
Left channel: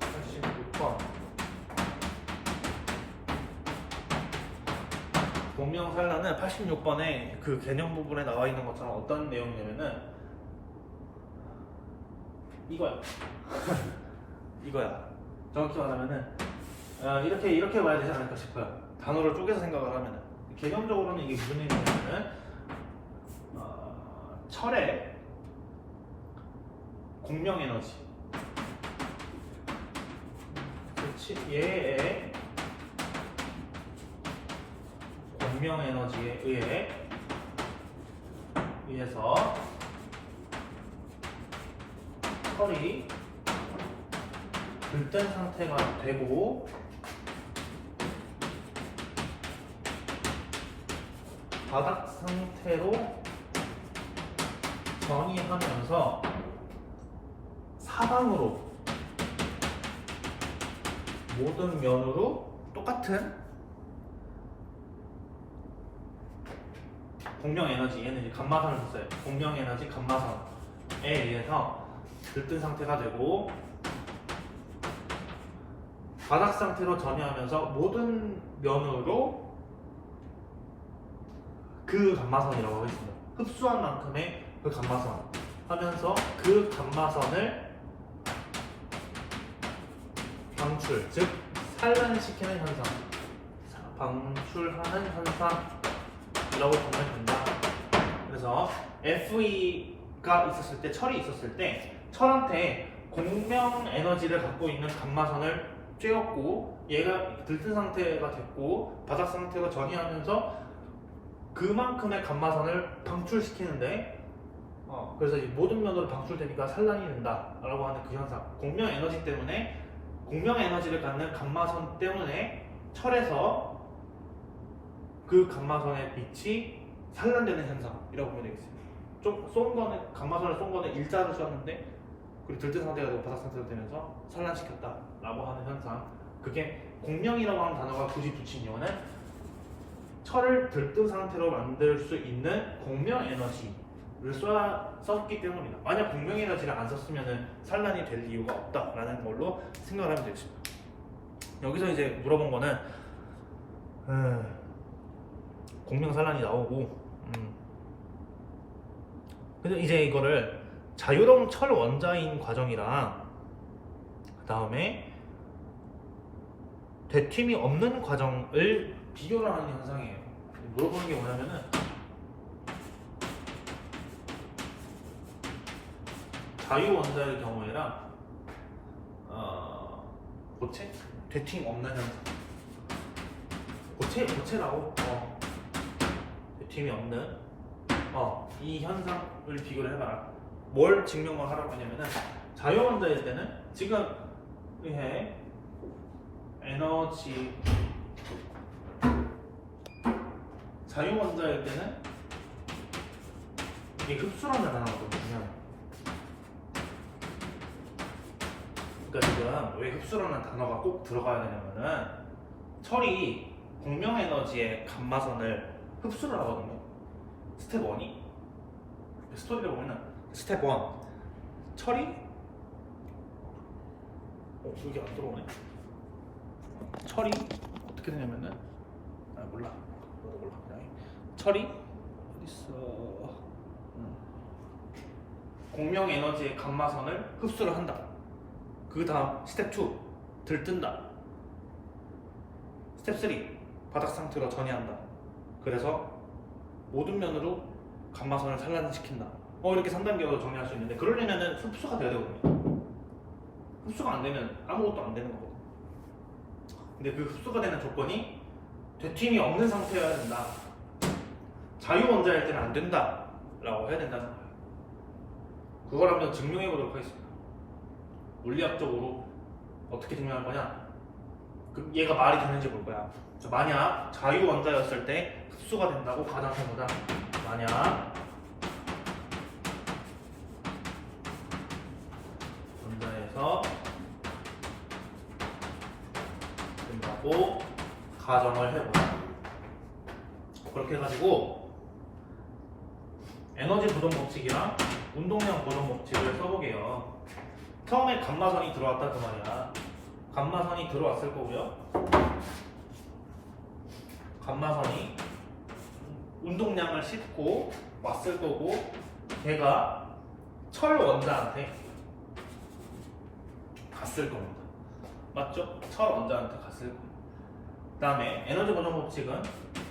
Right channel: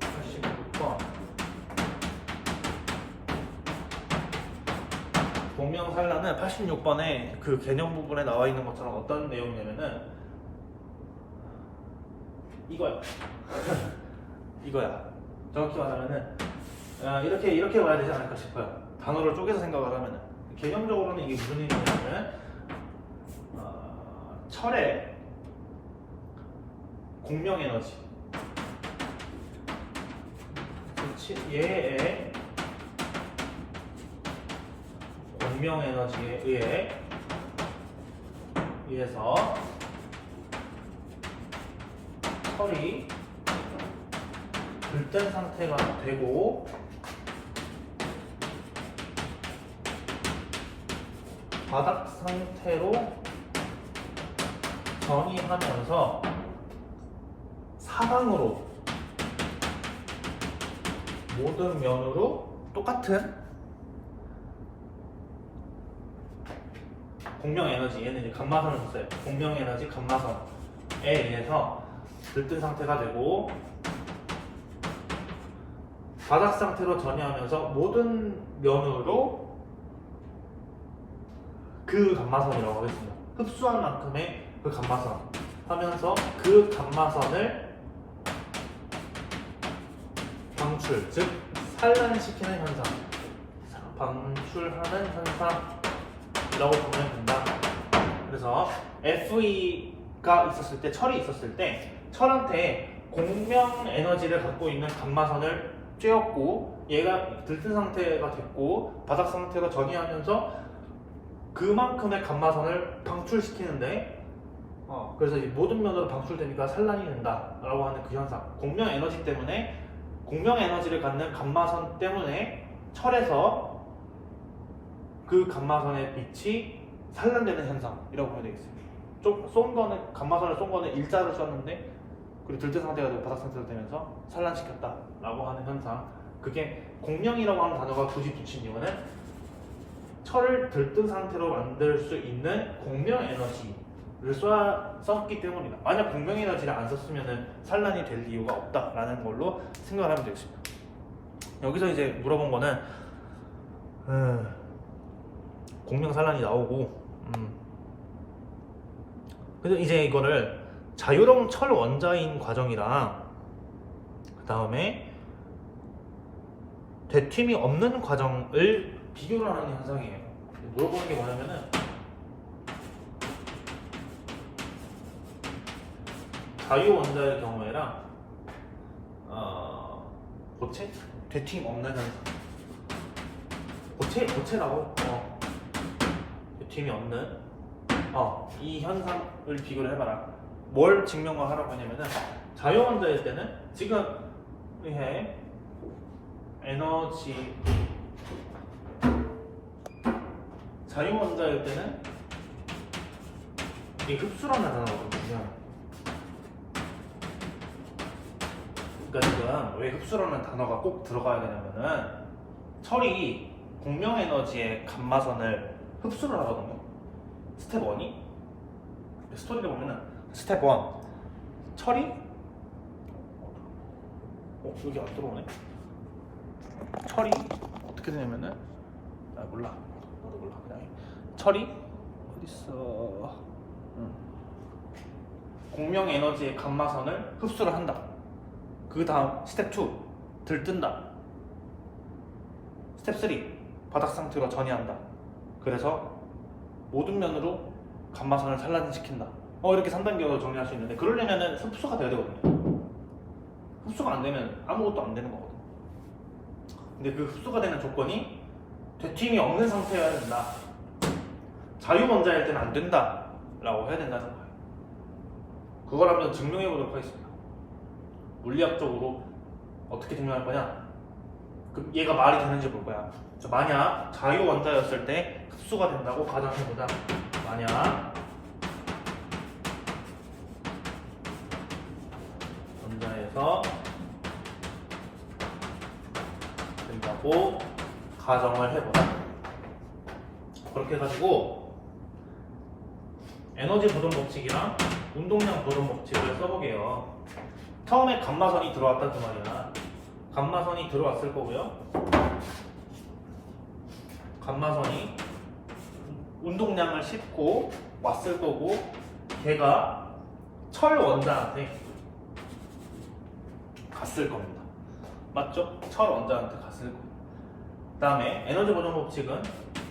86번 공명 산란은 86번에 그 개념 부분에 나와 있는 것처럼 어떤 내용이냐면은 이거야. 이거야. 정확히 말하면은 이렇게 봐야 되지 않을까 싶어요. 단어를 쪼개서 생각을 하면은 개념적으로는 이게 무슨 의미냐면은 철의 공명 에너지, 얘의 공명 에너지에 의해서 철이 들뜬 상태가 되고 바닥 상태로 전이하면서 사방으로 모든 면으로 똑같은 공명 에너지, 얘는 이제 감마선을 썼어요. 공명 에너지 감마선에 의해서 들뜬 상태가 되고 바닥 상태로 전이하면서 모든 면으로 그 감마선이라고 하겠습니다. 흡수한 만큼의 그 감마선 하면서 그 감마선을 방출, 즉 산란시키는 현상, 방출하는 현상이라고 보면 된다. 그래서 FE가 있었을 때, 철이 있었을 때 철한테 공명 에너지를 갖고 있는 감마선을 쬐었고 얘가 들뜬 상태가 됐고 바닥 상태로 전이하면서 그만큼의 감마선을 방출시키는데 그래서 이제 모든 면으로 방출되니까 산란이 된다라고 하는 그 현상. 공명 에너지 때문에 공명 에너지를 갖는 감마선 때문에 철에서 그 감마선의 빛이 산란되는 현상이라고 보면 되겠습니다. 좀 쏜 거는 감마선을 쏜 거는 일자를 쐈는데 그리고 들뜬 상태가 되고 바닥 상태로 되면서 산란시켰다라고 하는 현상. 그게 공명이라고 하는 단어가 굳이 붙인 이유는 철을 들뜬 상태로 만들 수 있는 공명 에너지를 썼기 때문이다. 만약 공명 에너지를 안 썼으면 산란이 될 이유가 없다라는 걸로 생각을 하면 되겠습니다. 여기서 이제 물어본 거는 공명 산란이 나오고 근데 이제 이거를 자유로운 철 원자인 과정이랑 그 다음에 되튠이 없는 과정을 비교를 하는 현상이에요. 물어보는 게 뭐냐면은 자유 원자의 경우에랑 고체? 되튠 없는 현상. 고체라고 되튠이 없는 이 현상을 비교를 해봐라. 뭘 증명을 하라고 하냐면은 자유 원자일 때는 지금 의해 에너지 자유 원자일 때는 이게 흡수라는 단어거든요. 그러니까 지금 왜 흡수라는 단어가 꼭 들어가야 되냐면은 철이 공명 에너지의 감마선을 흡수를 하거든요. 스텝 1이 스토리를 보면은 스텝 1 처리 여기 안 들어오네. 처리 어떻게 되냐면은 몰라 그냥 처리 어딨어. 공명 에너지의 감마선을 흡수를 한다. 그 다음 스텝 2 들뜬다. 스텝 3 바닥 상태로 전이한다. 그래서 모든 면으로 감마선을 산란시킨다. 이렇게 3단계로 정리할 수 있는데, 그러려면은 흡수가 돼야 되거든요. 흡수가 안 되면 아무것도 안 되는 거거든요. 근데 그 흡수가 되는 조건이 되튀김이 없는 상태여야 된다. 자유원자일 때는 안 된다 라고 해야 된다는 거예요. 그걸 한번 증명해 보도록 하겠습니다. 물리학적으로 어떻게 증명할 거냐? 그럼 얘가 말이 되는지 볼 거야. 만약 자유원자였을 때 흡수가 된다고 가정해보자. 만약 원자에서 된다고 가정을 해보자. 그렇게 해가지고 에너지 보존 법칙이랑 운동량 보존 법칙을 써보게요. 처음에 감마선이 들어왔다 그 말이야. 감마선이 들어왔을 거고요. 감마선이 운동량을 싣고 왔을 거고, 걔가 철 원자한테 갔을 겁니다. 맞죠? 철 원자한테 갔을 거예요. 그 다음에 에너지 보존 법칙은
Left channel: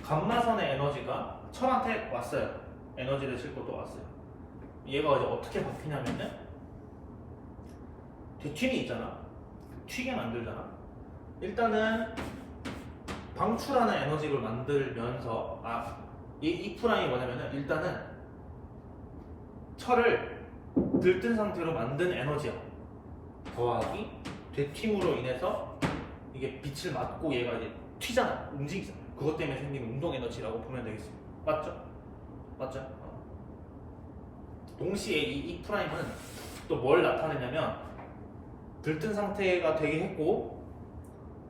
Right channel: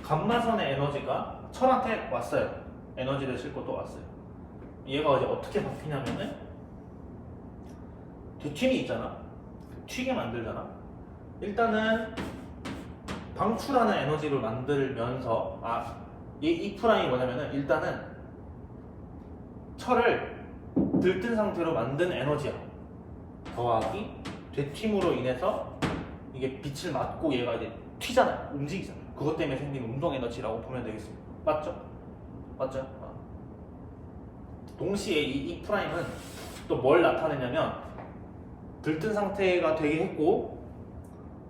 감마선의 에너지가 철한테 왔어요. 에너지를 싣고 또 왔어요. 얘가 이제 어떻게 바뀌냐면은 되튀김이 있잖아. 튀게 만들잖아. 일단은 방출하는 에너지를 만들면서 이 프라임이 뭐냐면은 일단은 철을 들뜬 상태로 만든 에너지야. 더하기 되튀김으로 인해서 이게 빛을 맞고 얘가 이제 튀잖아. 움직이잖아. 그것 때문에 생긴 운동 에너지라고 보면 되겠습니다. 맞죠? 맞죠? 동시에 이 프라임은 또 뭘 나타내냐면 들뜬 상태가 되게 했고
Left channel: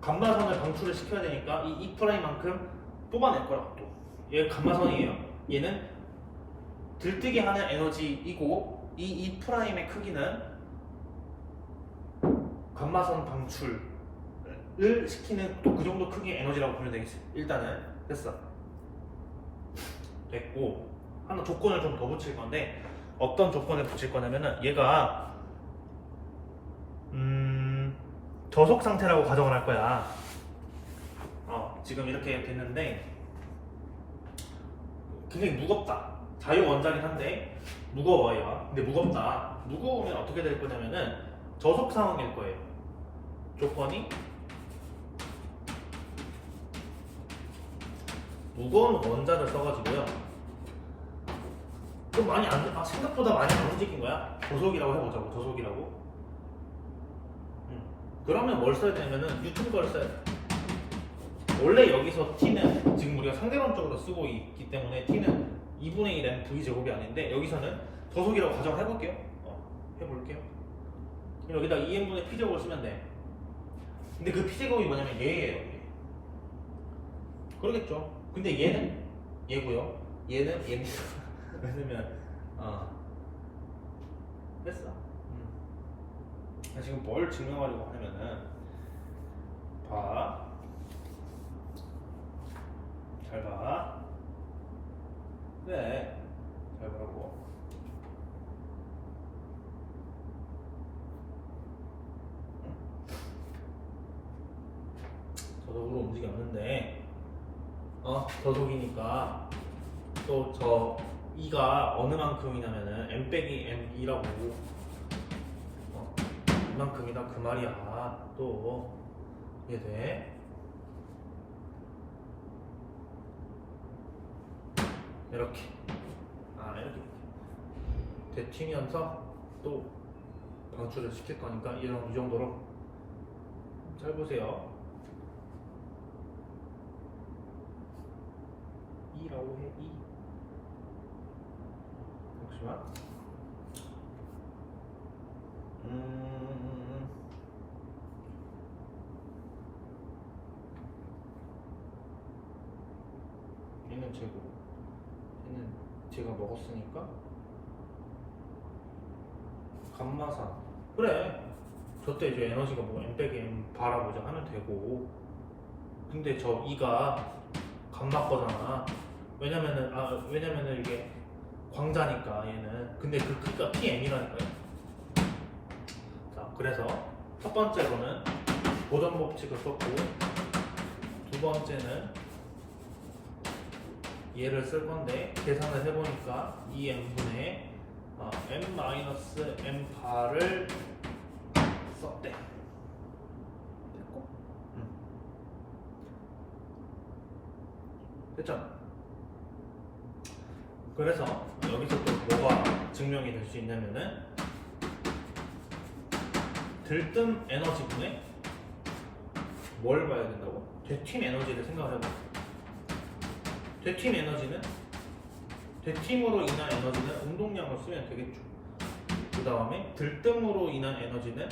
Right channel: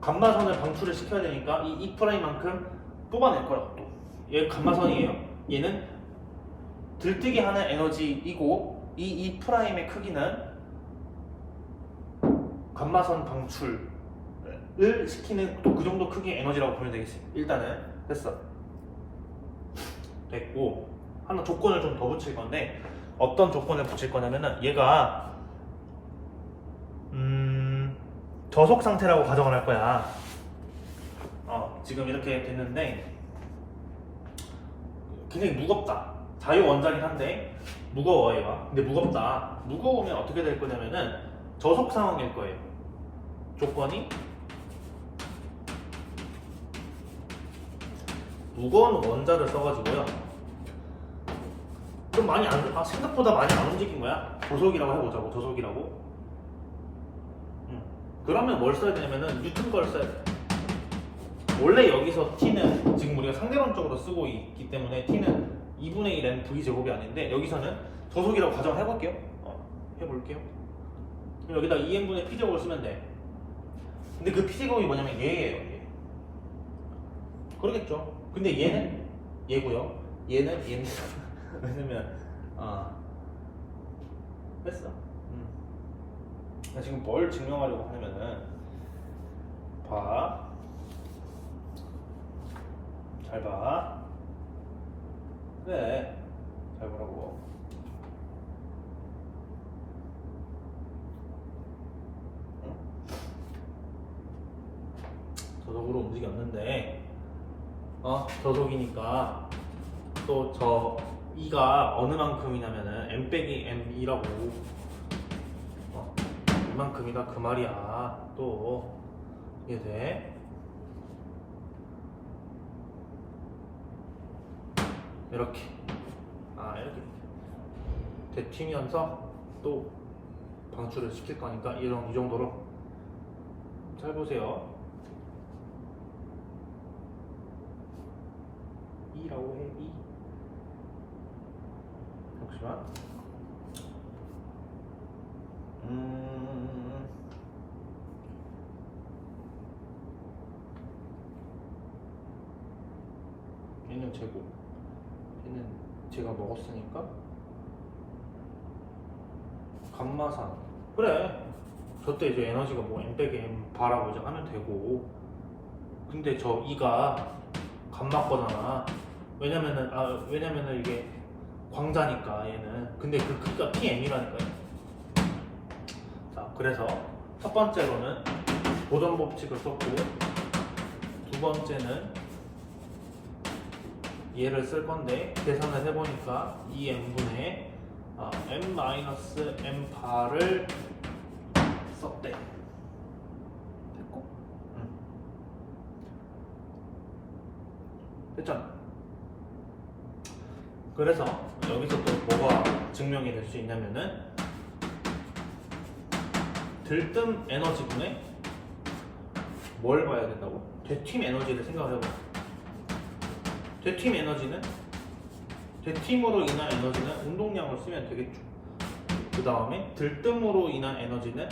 감마선을 방출을 시켜야 되니까 이 프라임만큼 뽑아낼 거야. 또 얘 감마선이에요. 얘는 들뜨게 하는 에너지이고 이 프라임의 크기는 감마선 방출을 시키는 또 그 정도 크기의 에너지라고 보면 되겠습니다. 일단은 됐어. 됐고, 하나 조건을 좀 더 붙일 건데, 어떤 조건을 붙일 거냐면은 얘가 저속 상태라고 가정을 할 거야. 지금 이렇게 됐는데 굉장히 무겁다. 자유 원자긴 한데 무거워 얘가. 근데 무겁다. 무거우면 어떻게 될 거냐면은 저속 상황일 거예요. 조건이 무거운 원자를 써가지고요. 좀 많이 생각보다 많이 안 움직인 거야. 저속이라고 해보자고. 저속이라고. 그러면 뭘 써야 되냐면은 뉴턴 걸 써야 돼. 원래 여기서 t는 지금 우리가 상대방적으로 쓰고 있기 때문에 t는 2분의 1n v제곱이 아닌데, 여기서는 저속이라고 가정을 해볼게요. 해볼게요. 그럼 여기다 2n분의 p제곱을 쓰면 돼. 근데 그 p제곱이 뭐냐면 얘예요. 얘. 그러겠죠. 근데 얘는 얘고요. 얘는 얘입니다. 왜냐면 됐어. 지금 뭘 증명하려고 하냐면은 잘 봐. 네, 잘 보라고. 저속으로 움직였는데 저속이니까 또 저 E가 어느 만큼이냐면은 M 빼기 M2라고 이만큼이다 그 말이야. 또 이해돼? 이렇게 이렇게 되튀면서 또 방출을 시킬 거니까 이 정도로 잘 보세요. E라고 해. E. 잠시만. 여기는 제곱, 얘는 제가 먹었으니까 감마상. 그래, 저때 이제 에너지가 뭐 m 빼기 m 바라보자 하면 되고. 근데 저 2가 감마 거잖아. 왜냐면은 이게 광자니까 얘는. 근데 그 크기가 PM이라니까요. 자, 그래서 첫 번째로는 보존 법칙을 썼고, 두 번째는 얘를 쓸 건데 계산을 해보니까 2n분의 m-m 바를 썼대. 됐고? 됐잖아. 그래서 여기서 또 뭐가 증명이 될 수 있냐면은 들뜸 에너지분의 뭘 봐야 된다고? 되팀 에너지를 생각을 해봐. 되팀으로 인한 에너지는 운동량을 쓰면 되겠죠. 그 다음에 들뜸으로 인한 에너지는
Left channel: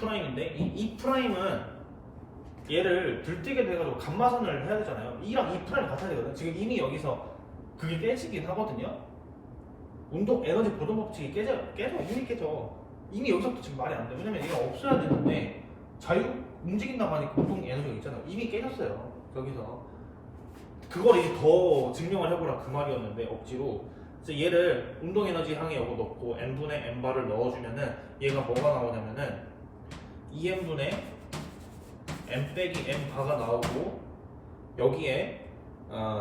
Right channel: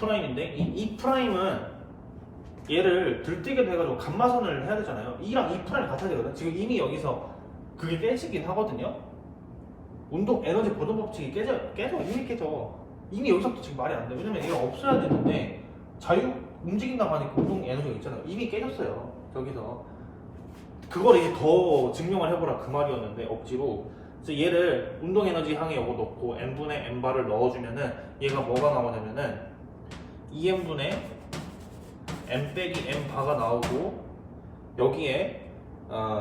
2'인데 이 2'은 얘를 들뜨게 돼가지고 감마선을 해야 되잖아요. 2랑 2' 같아야 되거든. 지금 이미 여기서 그게 깨지긴 하거든요. 운동 에너지 보존 법칙이 이미 깨져. 이미 여기서부터 지금 말이 안 돼. 왜냐면 얘가 없어야 되는데 자유 움직인다고 하니까 운동 에너지가 있잖아요. 이미 깨졌어요. 저기서 그거를 이제 더 증명을 해보라 그 말이었는데 억지로. 그래서 얘를 운동 에너지 항에 요거 넣고 n분의 n바를 넣어주면은 얘가 뭐가 나오냐면은 2n분의 n 빼기 n바가 나오고, 여기에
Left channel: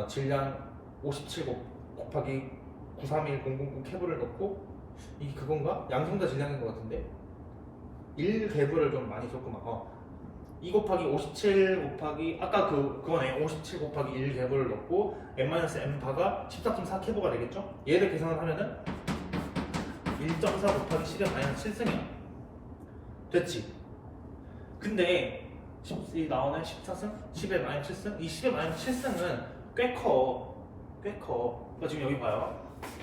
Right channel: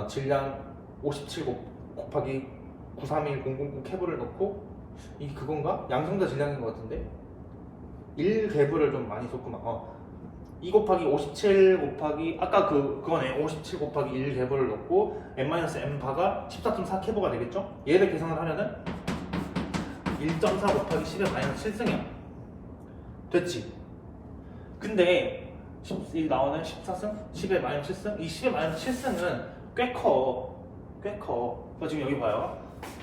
질량 57 곱하기 931009 캐브를 넣고, 이게 그건가? 양성자 질량인 것 같은데 1개브를 좀 많이 썼구나. 2 곱하기 57 곱하기 아까 그거네. 57 곱하기 1개브를 넣고 n-m바가 14.4 캐브가 되겠죠? 얘를 계산을 하면은 1.4 곱하기 10의 마이너스 7승이야. 됐지? 근데 이 나오는 14승, 10의 마이너스 7승, 이 10의 마이너스 7승은 꽤 커. 그러니까 지금 여기 봐요.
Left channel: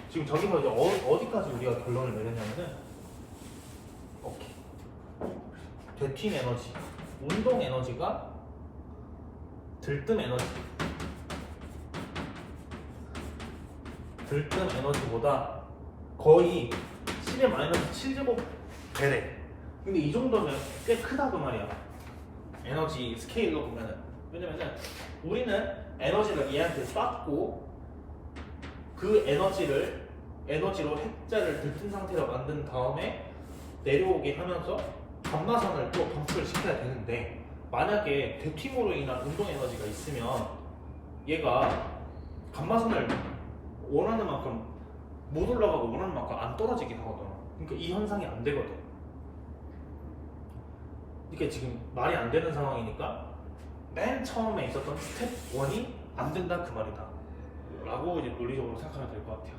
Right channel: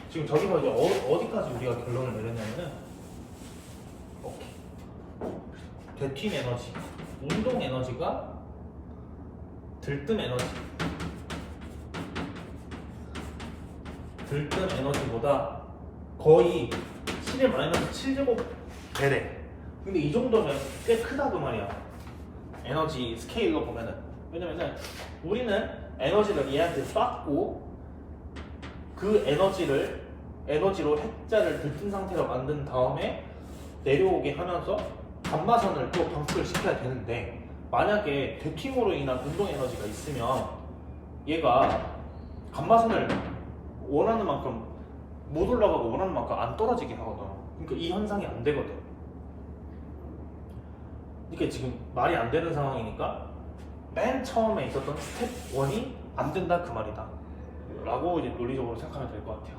지금 저기서 이제 어디까지 우리가 결론을 내렸냐면은, 오케이. 되팀 에너지, 운동 에너지가 들뜸 에너지보다 거의 10의 마이너스 7제곱 배래. 근데 이 정도면 꽤 크다 그 말이야. 에너지 스케일로 보면은. 왜냐면은 우리는 에너지를 얘한테 쐈고, 그 에너지로 핵자를 들뜬 상태로 만든 다음에 내려오게 하면서 감마선을 또 방출을 시켜야 되는데, 만약에 되팀으로 인한 운동 에너지가 있으면 얘가 감마선을 원하는 만큼 못 올라가고 원하는 만큼 안 떨어지게 하거든. 그러니까 이 현상이 안 되거든. 그러니까 지금 말이 안 되는 상황이니까 맨 처음에 있었던 스텝 1이 안 된다 그 말이다 라고 이제 논리적으로 생각하면 될 것 같아요.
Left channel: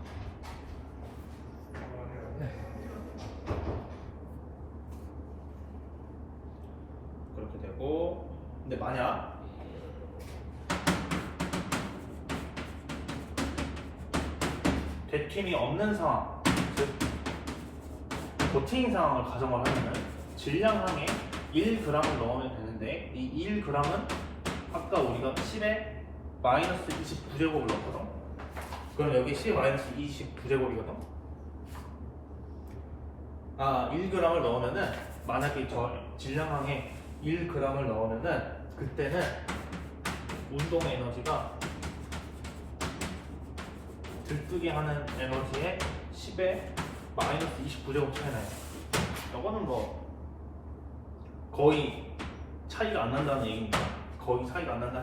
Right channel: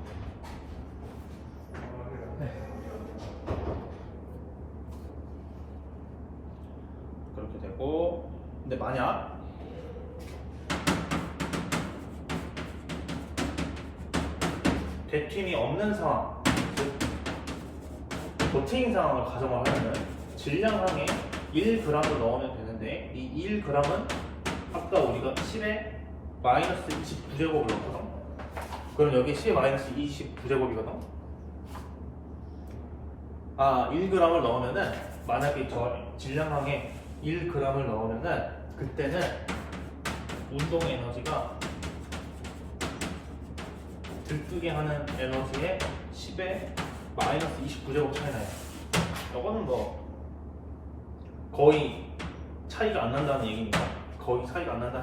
그렇게 되고, 근데 만약 되팀이 없는 상황, 즉 고체인 상황을 가정을 하면은 질량항에 1g을 넣으면 되는데, 이 1g은 아까 우리가 10에 마이너스 29제곱을 넣거든. 그럼 여기 10에 마이너스 29제곱이거든. 1g을 넣으면은, 만약에 저 질량항에 1g을 넣으면은 그때는 운동 에너지가 들뜨게 하는 에너지의 10에 마이너스 29제곱 차이 나요. 이거는 뭐 거의 차이가 안 난다는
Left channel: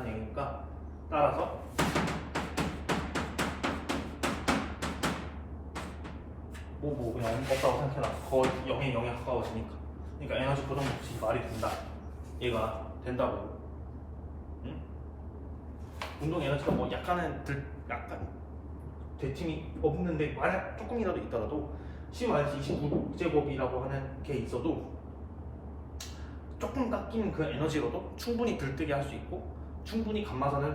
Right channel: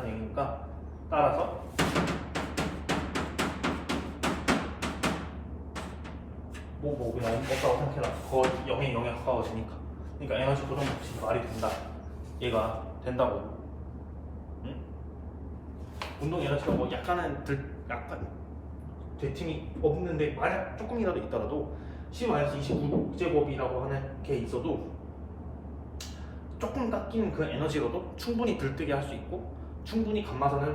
얘기니까, 따라서 뭐 그냥 없다고 생각해라. 거의 0에 0에 가까워지니까. 그러니까 에너지 보존 법칙이 말이 된다. 얘가 된다고. 응? 운동 에너지가 뭐 약간 되팀이 없는데 만약 조금이라도 있더라도 10-29제곱이라고 하는 게 있어도 조금 깎이는 그 에너지로도 충분히 들뜨게 할 수 있고, 충분히 감마선을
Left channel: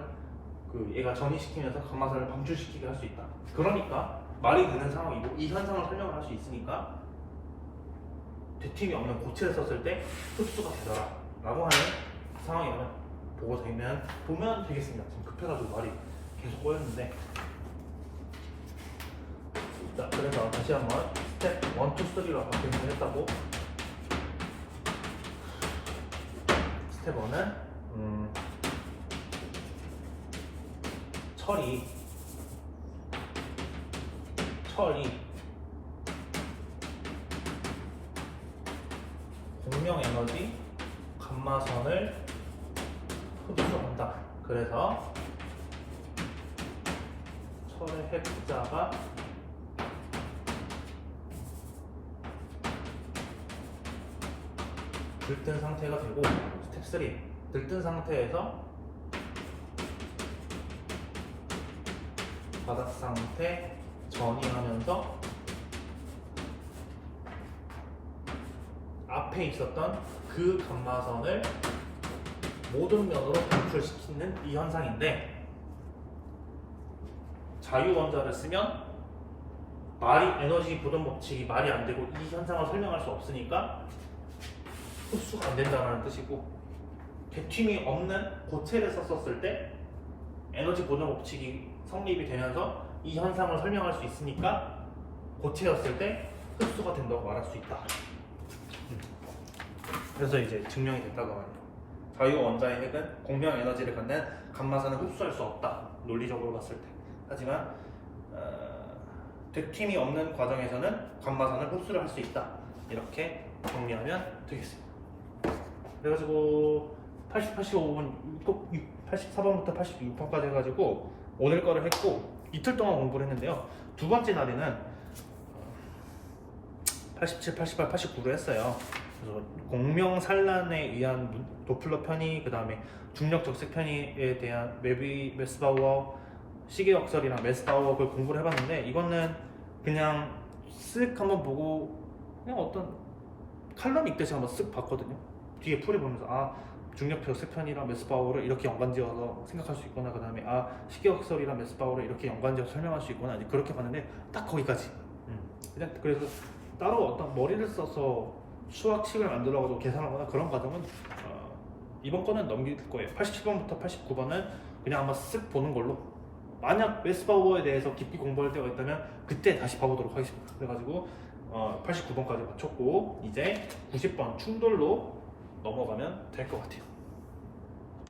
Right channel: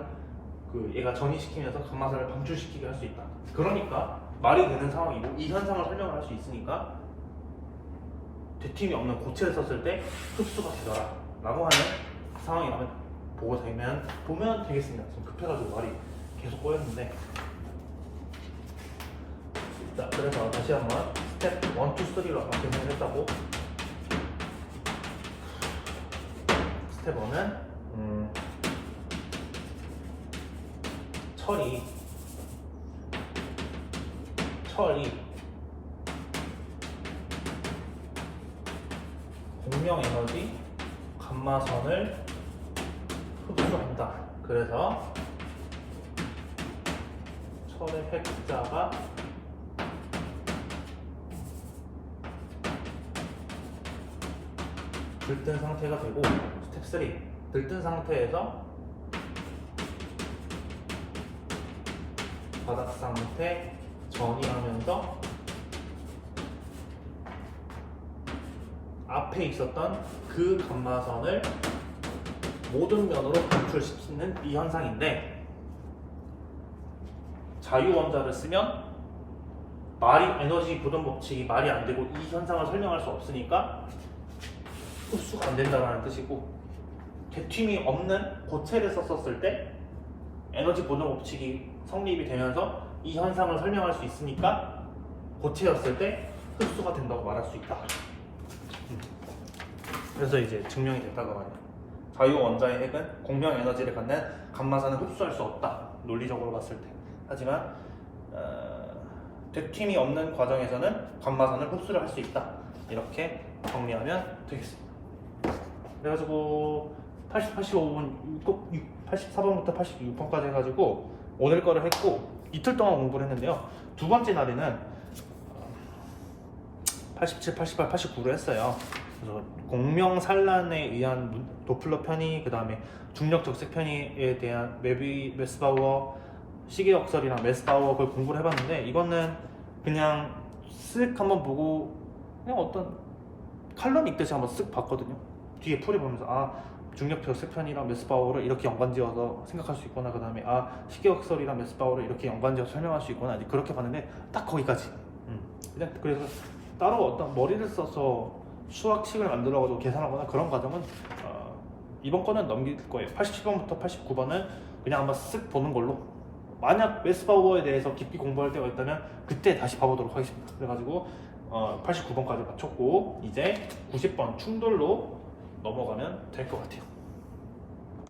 얘가 전이시키면서 감마선을 방출시키게 할 수 있다. 그러니까 말이 되는 상황이고, 이 현상을 설명을 할 수 있으니까 되팀이 없는 고체를 썼을 때 흡수가 되더라 라고 하는 상황이라면 보면 되겠습니다. 지금 급해가지고 말이 계속 꼬였는데. 자, 그래서 다시 한번 스텝 1, 2, 3로 아까 계산을 했다고. 스텝 1은 처리 공명 에너지 감마선을 흡수한다. 그래서 철의 핵자가 들뜬 상태가 되고, 스텝 3 들뜬 상태에서 바닥 상태 전이하면서 앞에 있었던 그 감마선을 모든 면으로 방출시키는 이 현상인데, 자유원자를 쓰면 에너지 보존 법칙이 말이 안 되고 이 현상을 설명할 수 없으니까 흡수가 안 된다는 뜻이고, 대튠이 없는 고체를 썼었을 때 에너지 보존 법칙이 성립이 되면서 이 현상을 설명할 수 있으니까 고체였을 때 흡수가 된다고 말할 수 있다. 그래서 이제 증명이 됐다고 말이에요. 자유원자의 핵은 공명 에너지를 갖는 감마선을 흡수할 수 없다. 논리적으로 봤을 때. 하지만 대튠이 없는 과정에서는 감마선을 흡수를 할 수 있다. 이렇게 정리하면 되겠습니다. 그래가지고 85분, 84번부터 86번까지 해가지고 오늘 거를 했고, 이틀 동안 공부를 했는데요. 두 번째 날에는 87, 88, 89로 했어요. 그래서 공명산란에 의한 도플러 편의, 그 다음에 중력 적색 편의에 대한 메스바우어, 시계역설이랑 메스바우어 그걸 공부를 해봤는데, 이거는 그냥 쓱 한번 보고 그냥 어떤 칼럼 읽듯이 한번 쓱 봤거든요. 뒤에 풀이 보면서 중력 적색 편이랑 메스바우어를 이렇게 연관지어서 생각할 수 있구나. 그 다음에 시계역설이랑 메스바우어를 이렇게 연관지어서 설명할 수 있구나. 그렇게 봤는데 딱 거기까지. 그냥 그래서 따로 어떤 머리를 써서 수학식을 만들어가지고 계산하거나 그런 과정은 이번 거는 넘길 거예요. 87번부터 89번은 그냥 한번 쓱 보는 걸로. 만약 메스바우어에 대해서 깊이 공부할 때가 있다면 그때 다시 봐보도록 하겠습니다. 그래가지고 89번까지 마쳤고 이제 90번 충돌로 넘어가면 될 것 같아요.